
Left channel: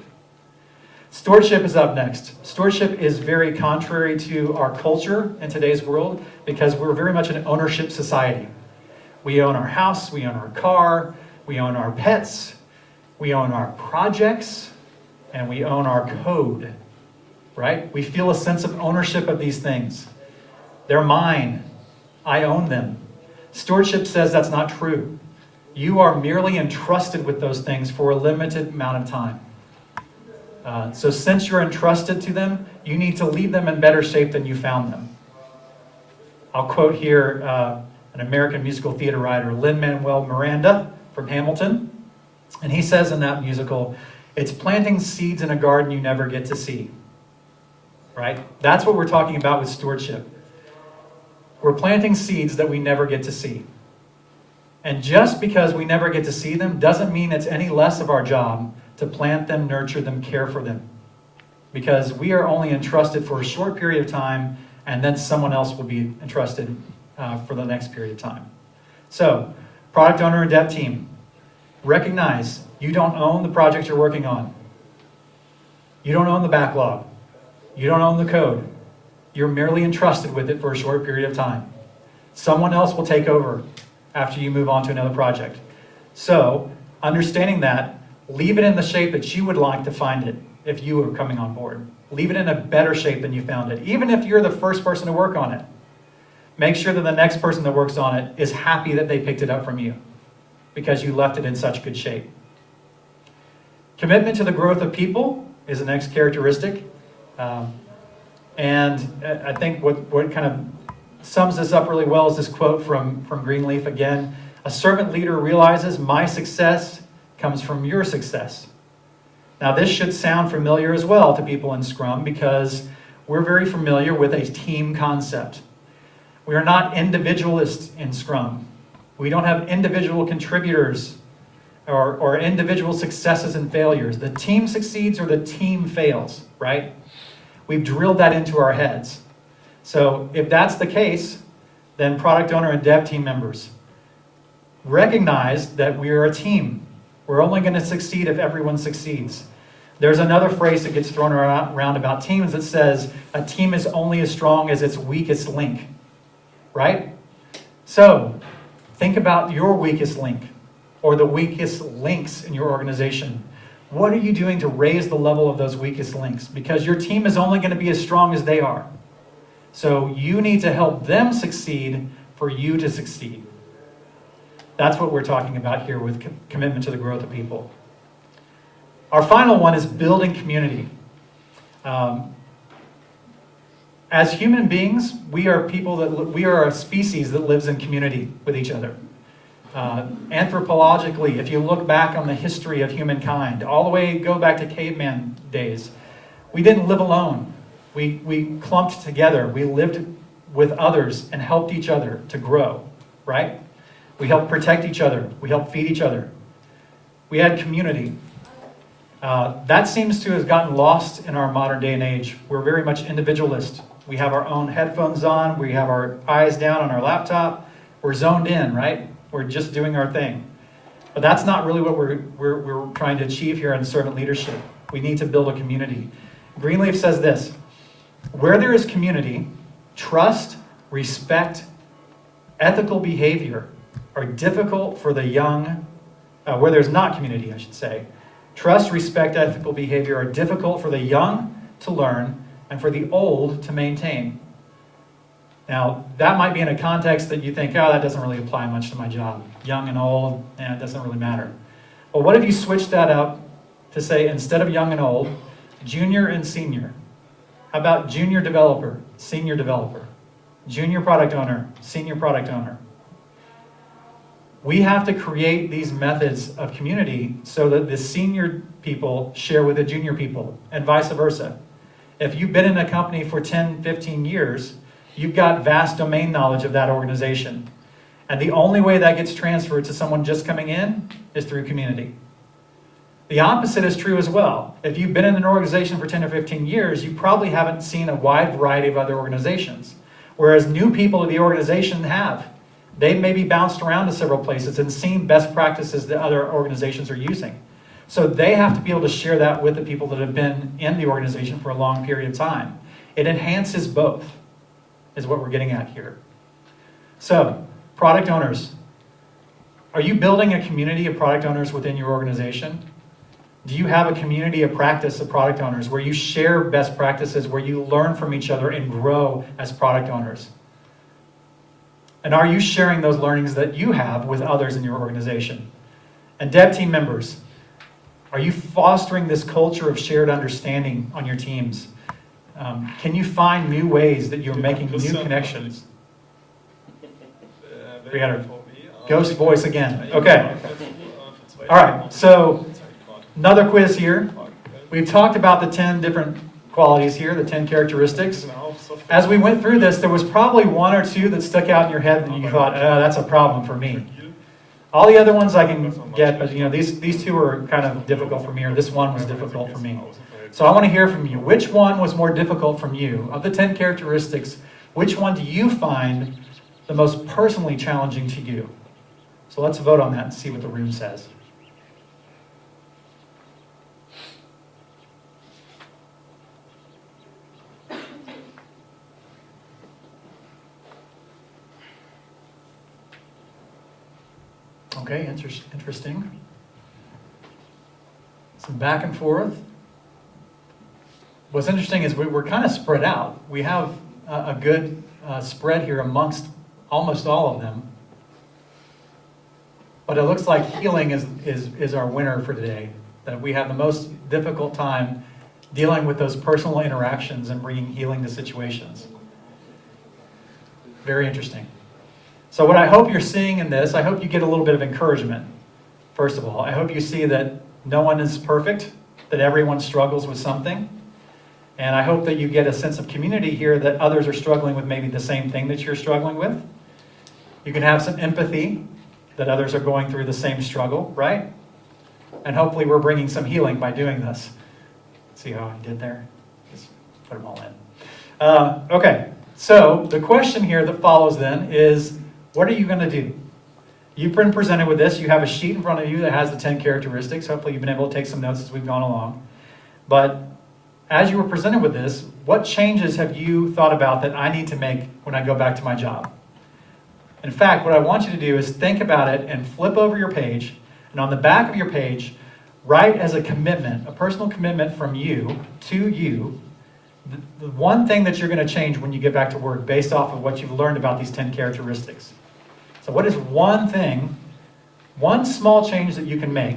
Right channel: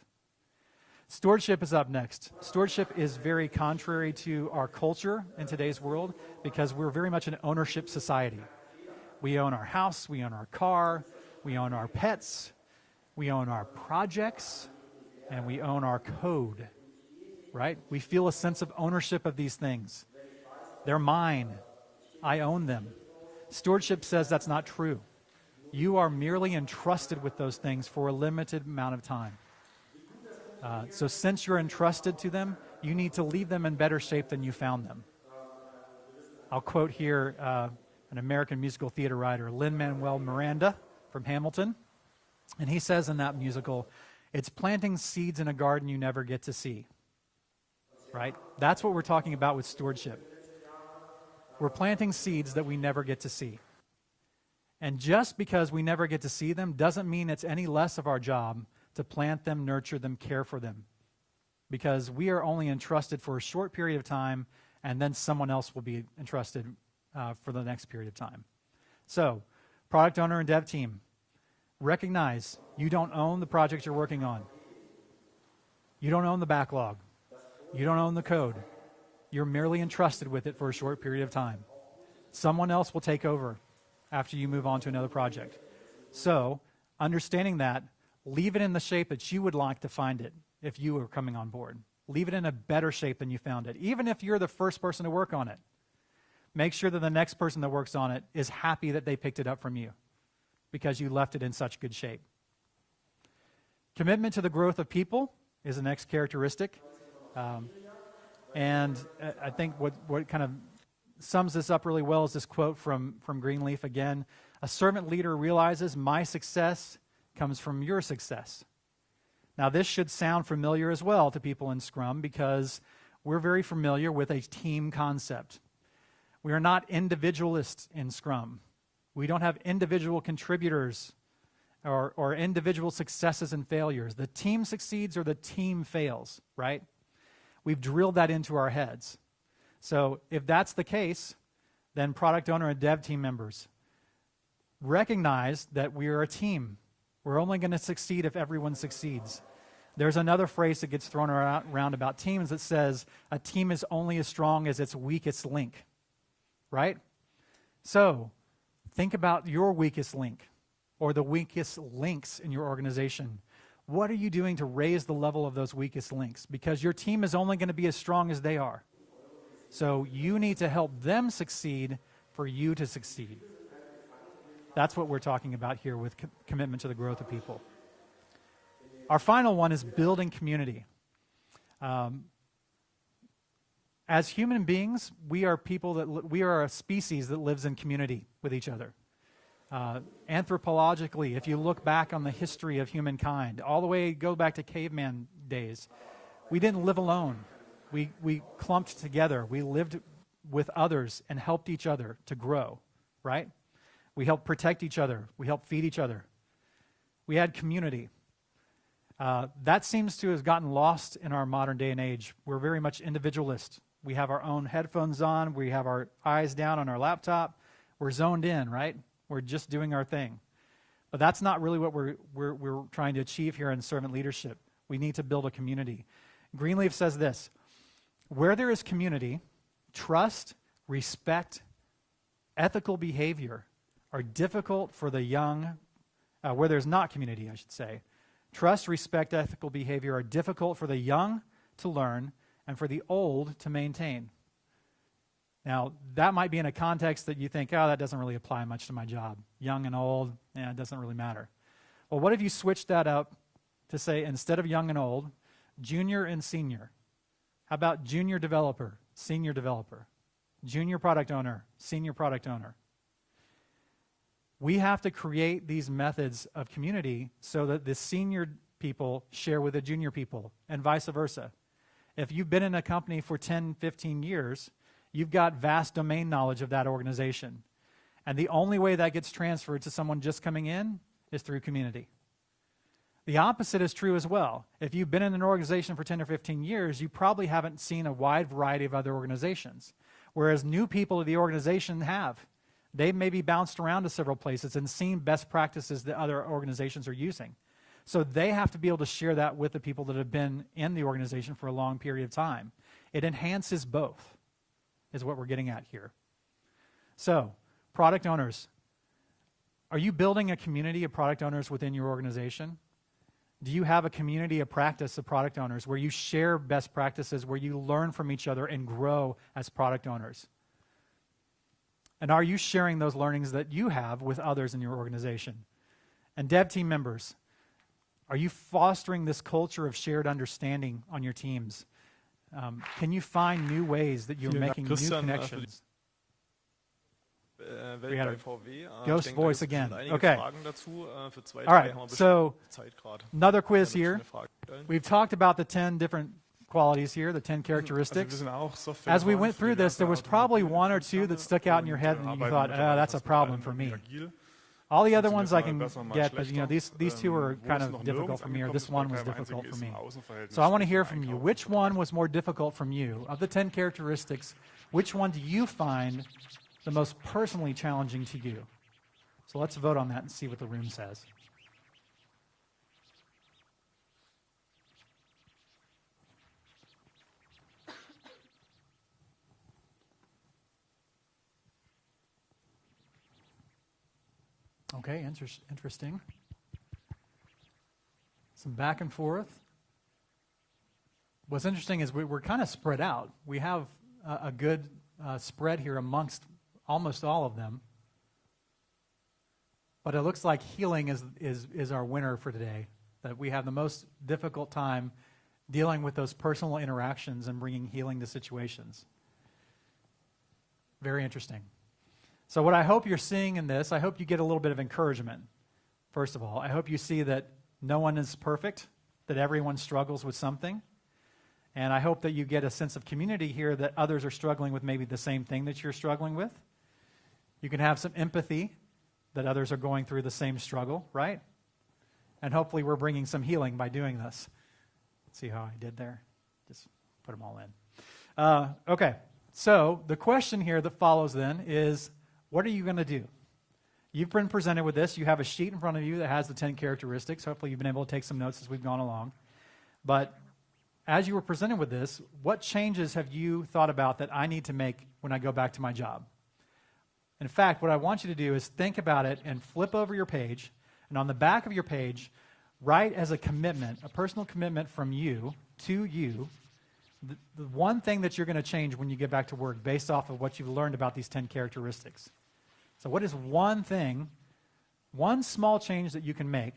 Stewardship is up next. Stewardship is very contrary to our culture in today's world because we're very much an ownership society. We own our house, we own our car, we own our pets, we own our projects, and we own our code, right? We feel a sense of ownership of these things. They're mine. I own them. Stewardship says that's not true. You are merely entrusted with those things for a limited amount of time. So since you're entrusted to them, you need to leave them in better shape than you found them. I'll quote here an American musical theater writer, Lin-Manuel Miranda from Hamilton. And he says in that musical, it's planting seeds in a garden you never get to see. Right? That's what we're talking about with stewardship. We're planting seeds that we never get to see. And just because we never get to see them doesn't mean it's any less of our job to plant them, nurture them, care for them. Because we are only entrusted for a short period of time, and then someone else will be entrusted for the next period of time. So, product owner and dev team, recognize you don't own the project you're working on. You don't own the backlog. You don't own the code. You're merely entrusted with it for a short period of time. Someone else will take over after you move on to another project. So, understanding that, leave it in the shape that you would like to find it if you were coming on board. Leave it in a better shape than you found it, even if you're the first person to work on it. Make sure that the next person that works on it is happy that they picked it up from you because you left it in such good shape. Commitment to the growth of people is the next characteristic. And I think what kind of sums this up really well is this quote from Greenleaf again. A servant leader realizes my success comes from your success. Now this should sound familiar as well to people in Scrum because we're very familiar with a team concept. We are not individualists in Scrum. We don't have individual contributors. or individual successes and failures. The team succeeds or the team fails, right? We've drilled that into our heads. So if that's the case, then product owner and dev team members, recognize that we are a team. We're only going to succeed if everyone succeeds. There's another phrase that gets thrown around about teams that says a team is only as strong as its weakest link, right? So think about your weakest link or the weakest links in your organization. What are you doing to raise the level of those weakest links? Because your team is only going to be as strong as they are. So you need to help them succeed for you to succeed. That's what we're talking about here with commitment to the growth of people. Our final one is building community. As human beings, we are a species that lives in community with each other. Anthropologically, if you look back on the history of humankind, all the way go back to caveman days, we didn't live alone. We clumped together. We lived with others and helped each other to grow, right? We helped protect each other. We helped feed each other. We had community. That seems to have gotten lost in our modern day and age. We're very much individualist. We have our own headphones on. We have our eyes down on our laptop. We're zoned in, right? We're just doing our thing. But that's not really what we're trying to achieve here in servant leadership. We need to build a community. Greenleaf says this: where there is community, trust, respect, ethical behavior are difficult for the young, where there's not community, I should say. Trust, respect, ethical behavior are difficult for the young to learn and for the old to maintain. Now, that might be in a context that you think, oh, that doesn't really apply much to my job. Young and old, and it doesn't really matter. Well, what if you switch that up to say, instead of young and old, junior and senior? How about junior developer, senior developer? Junior product owner, senior product owner? We have to create these methods of community so that the senior people share with the junior people, and vice versa. If you've been in a company for 10, 15 years, you've got vast domain knowledge of that organization. And the only way that gets transferred to someone just coming in is through community. The opposite is true as well. If you've been in an organization for 10 or 15 years, you probably haven't seen a wide variety of other organizations, whereas new people to the organization have. They maybe bounced around to several places and seen best practices that other organizations are using. So they have to be able to share that with the people that have been in the organization for a long period of time. It enhances both, is what we're getting at here. So, product owners, are you building a community of product owners within your organization? Do you have a community of practice of product owners where you share best practices, where you learn from each other and grow as product owners? And are you sharing those learnings that you have with others in your organization? And dev team members, are you fostering this culture of shared understanding on your teams? Can you find new ways that you're making new connections? We got our ghost voice again. Okay. All right, so another quiz here. We've talked about the 10 different qualities here, the 10 characteristics. As we went through this, there was probably one or two that stuck out in your head and you thought, oh, that's a problem for me. All the other ones I can get, but these two are kind of difficult for me, or this one was difficult for me. So I want to hear from you. Which one was more difficult from you? Of the 10 characteristics, which one do you find the most personally challenging to you? So let's vote on that and see what the room says. Okay, interesting. Some back and forth. What's interesting is we're kind of spread out. We have a good spread here amongst almost all of them. But it looks like healing is our winner for today. That we have the most difficult time dealing with those personal interactions and bringing healing to situations. Very interesting. So what I hope you're seeing in this, I hope you get a little bit of encouragement. First of all, I hope you see that no one is perfect, that everyone struggles with something. And I hope that you get a sense of community here, that others are struggling with maybe the same thing that you're struggling with. You can have some empathy that others are going through the same struggle, right? And hopefully we're bringing some healing by doing this. See how I did there? Just put them all in. Okay, so the question here that follows then is, what are you going to do? You've been presented with this. You have a sheet in front of you that has the 10 characteristics. Hopefully you've been able to take some notes as we've gone along. But as you were presented with this, what changes have you thought about that I need to make when I go back to my job? In fact, what I want you to do is think about it and flip over your page, and on the back of your page, write as a commitment, a personal commitment from you to you, the one thing that you're going to change when you get back to work based off of what you've learned about these 10 characteristics. So what is one thing, one small change that you can make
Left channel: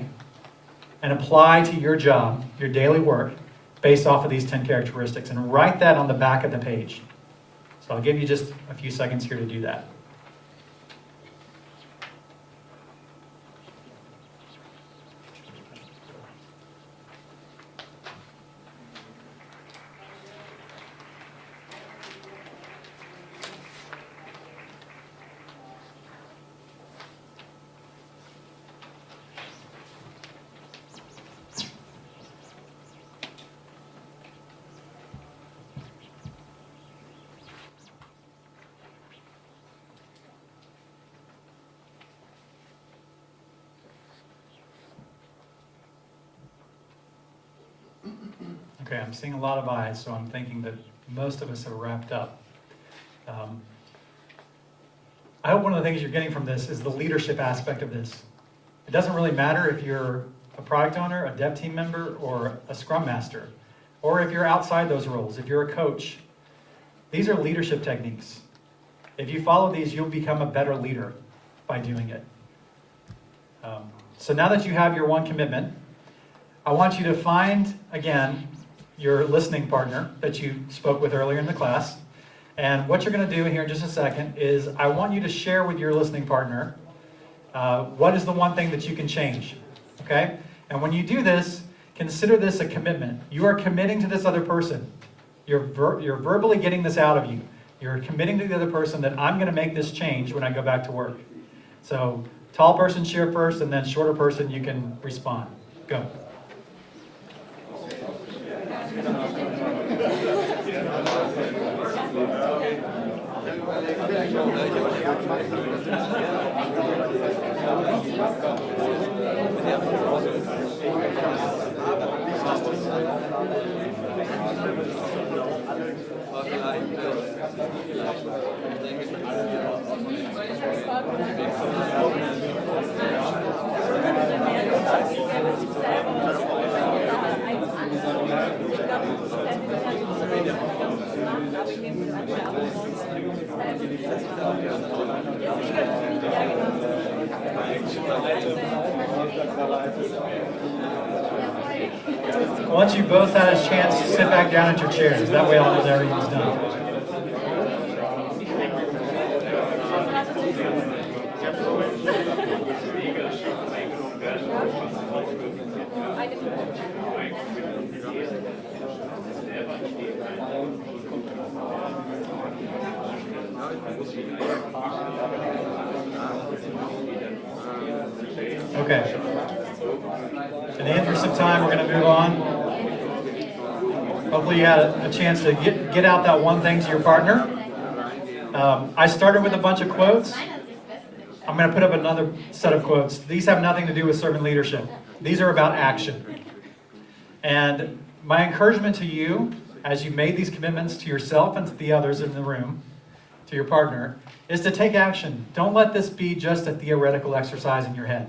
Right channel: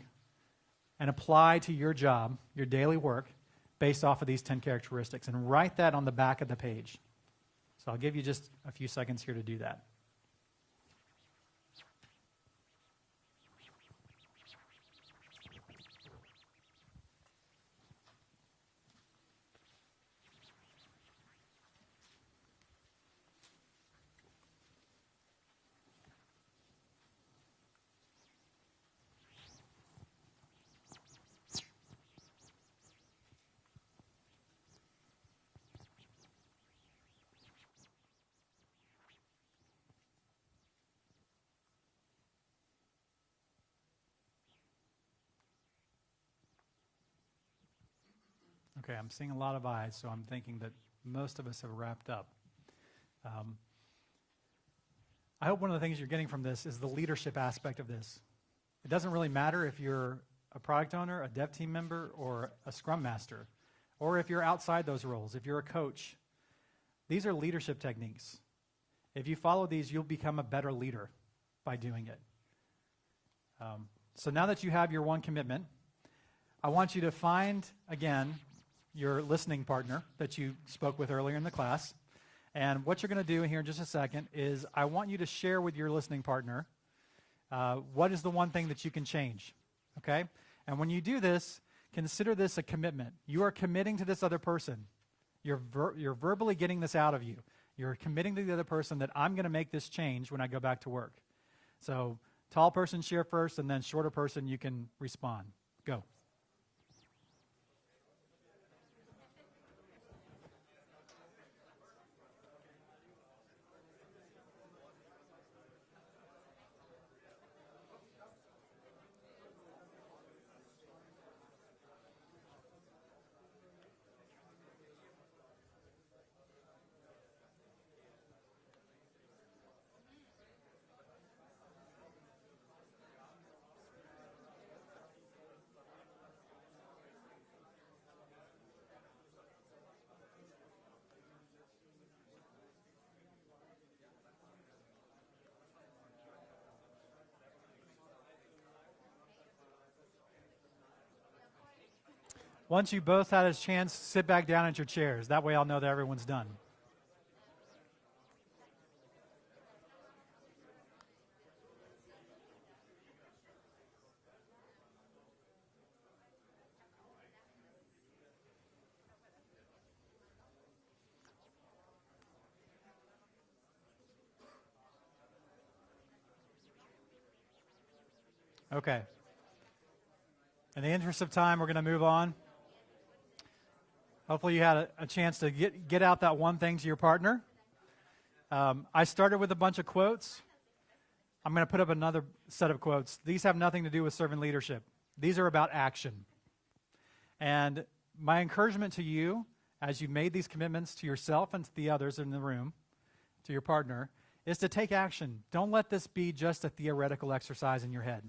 and apply to your job, your daily work, based off of these 10 characteristics, and write that on the back of the page. So I'll give you just a few seconds here to do that. Okay, I'm seeing a lot of eyes, so I'm thinking that most of us have wrapped up. I hope one of the things you're getting from this is the leadership aspect of this. It doesn't really matter if you're a product owner, a dev team member, or a Scrum Master, or if you're outside those roles, if you're a coach. These are leadership techniques. If you follow these, you'll become a better leader by doing it. So now that you have your one commitment, I want you to find, again, your listening partner that you spoke with earlier in the class. And what you're going to do here in just a second is I want you to share with your listening partner what is the one thing that you can change. Okay? And when you do this, consider this a commitment. You are committing to this other person. You're verbally getting this out of you. You're committing to the other person that I'm going to make this change when I go back to work. So tall person share first, and then shorter person you can respond. Go. Once you both had a chance to sit back down at your chairs, that way all knows everything's done. Okay. In the interest of time, we're going to move on. Hopefully you had a chance to get out that one thing to your partner. I started with a bunch of quotes. I'm going to put up another set of quotes. These have nothing to do with servant leadership. These are about action. And my encouragement to you, as you made these commitments to yourself and to the others in the room, to your partner, is to take action. Don't let this be just a theoretical exercise in your head,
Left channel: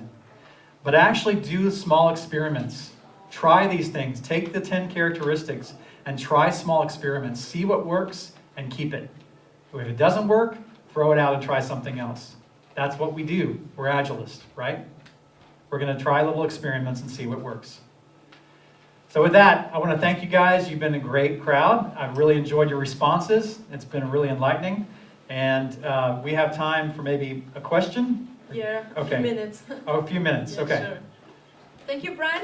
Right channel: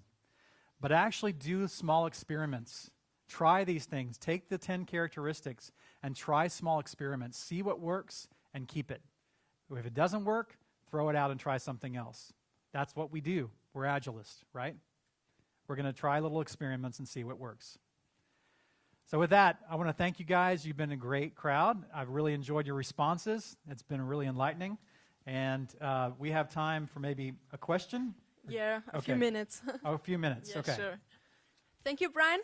but actually do small experiments. Try these things. Take the 10 characteristics and try small experiments. See what works and keep it. If it doesn't work, throw it out and try something else. That's what we do. We're Agilists, right? We're going to try little experiments and see what works. So with that, I want to thank you guys. You've been a great crowd. I've really enjoyed your responses. It's been really enlightening. And we have time for maybe a question? Yeah, a Okay. few minutes. Oh, a few minutes. Yeah, Okay. sure. Thank you, Brian.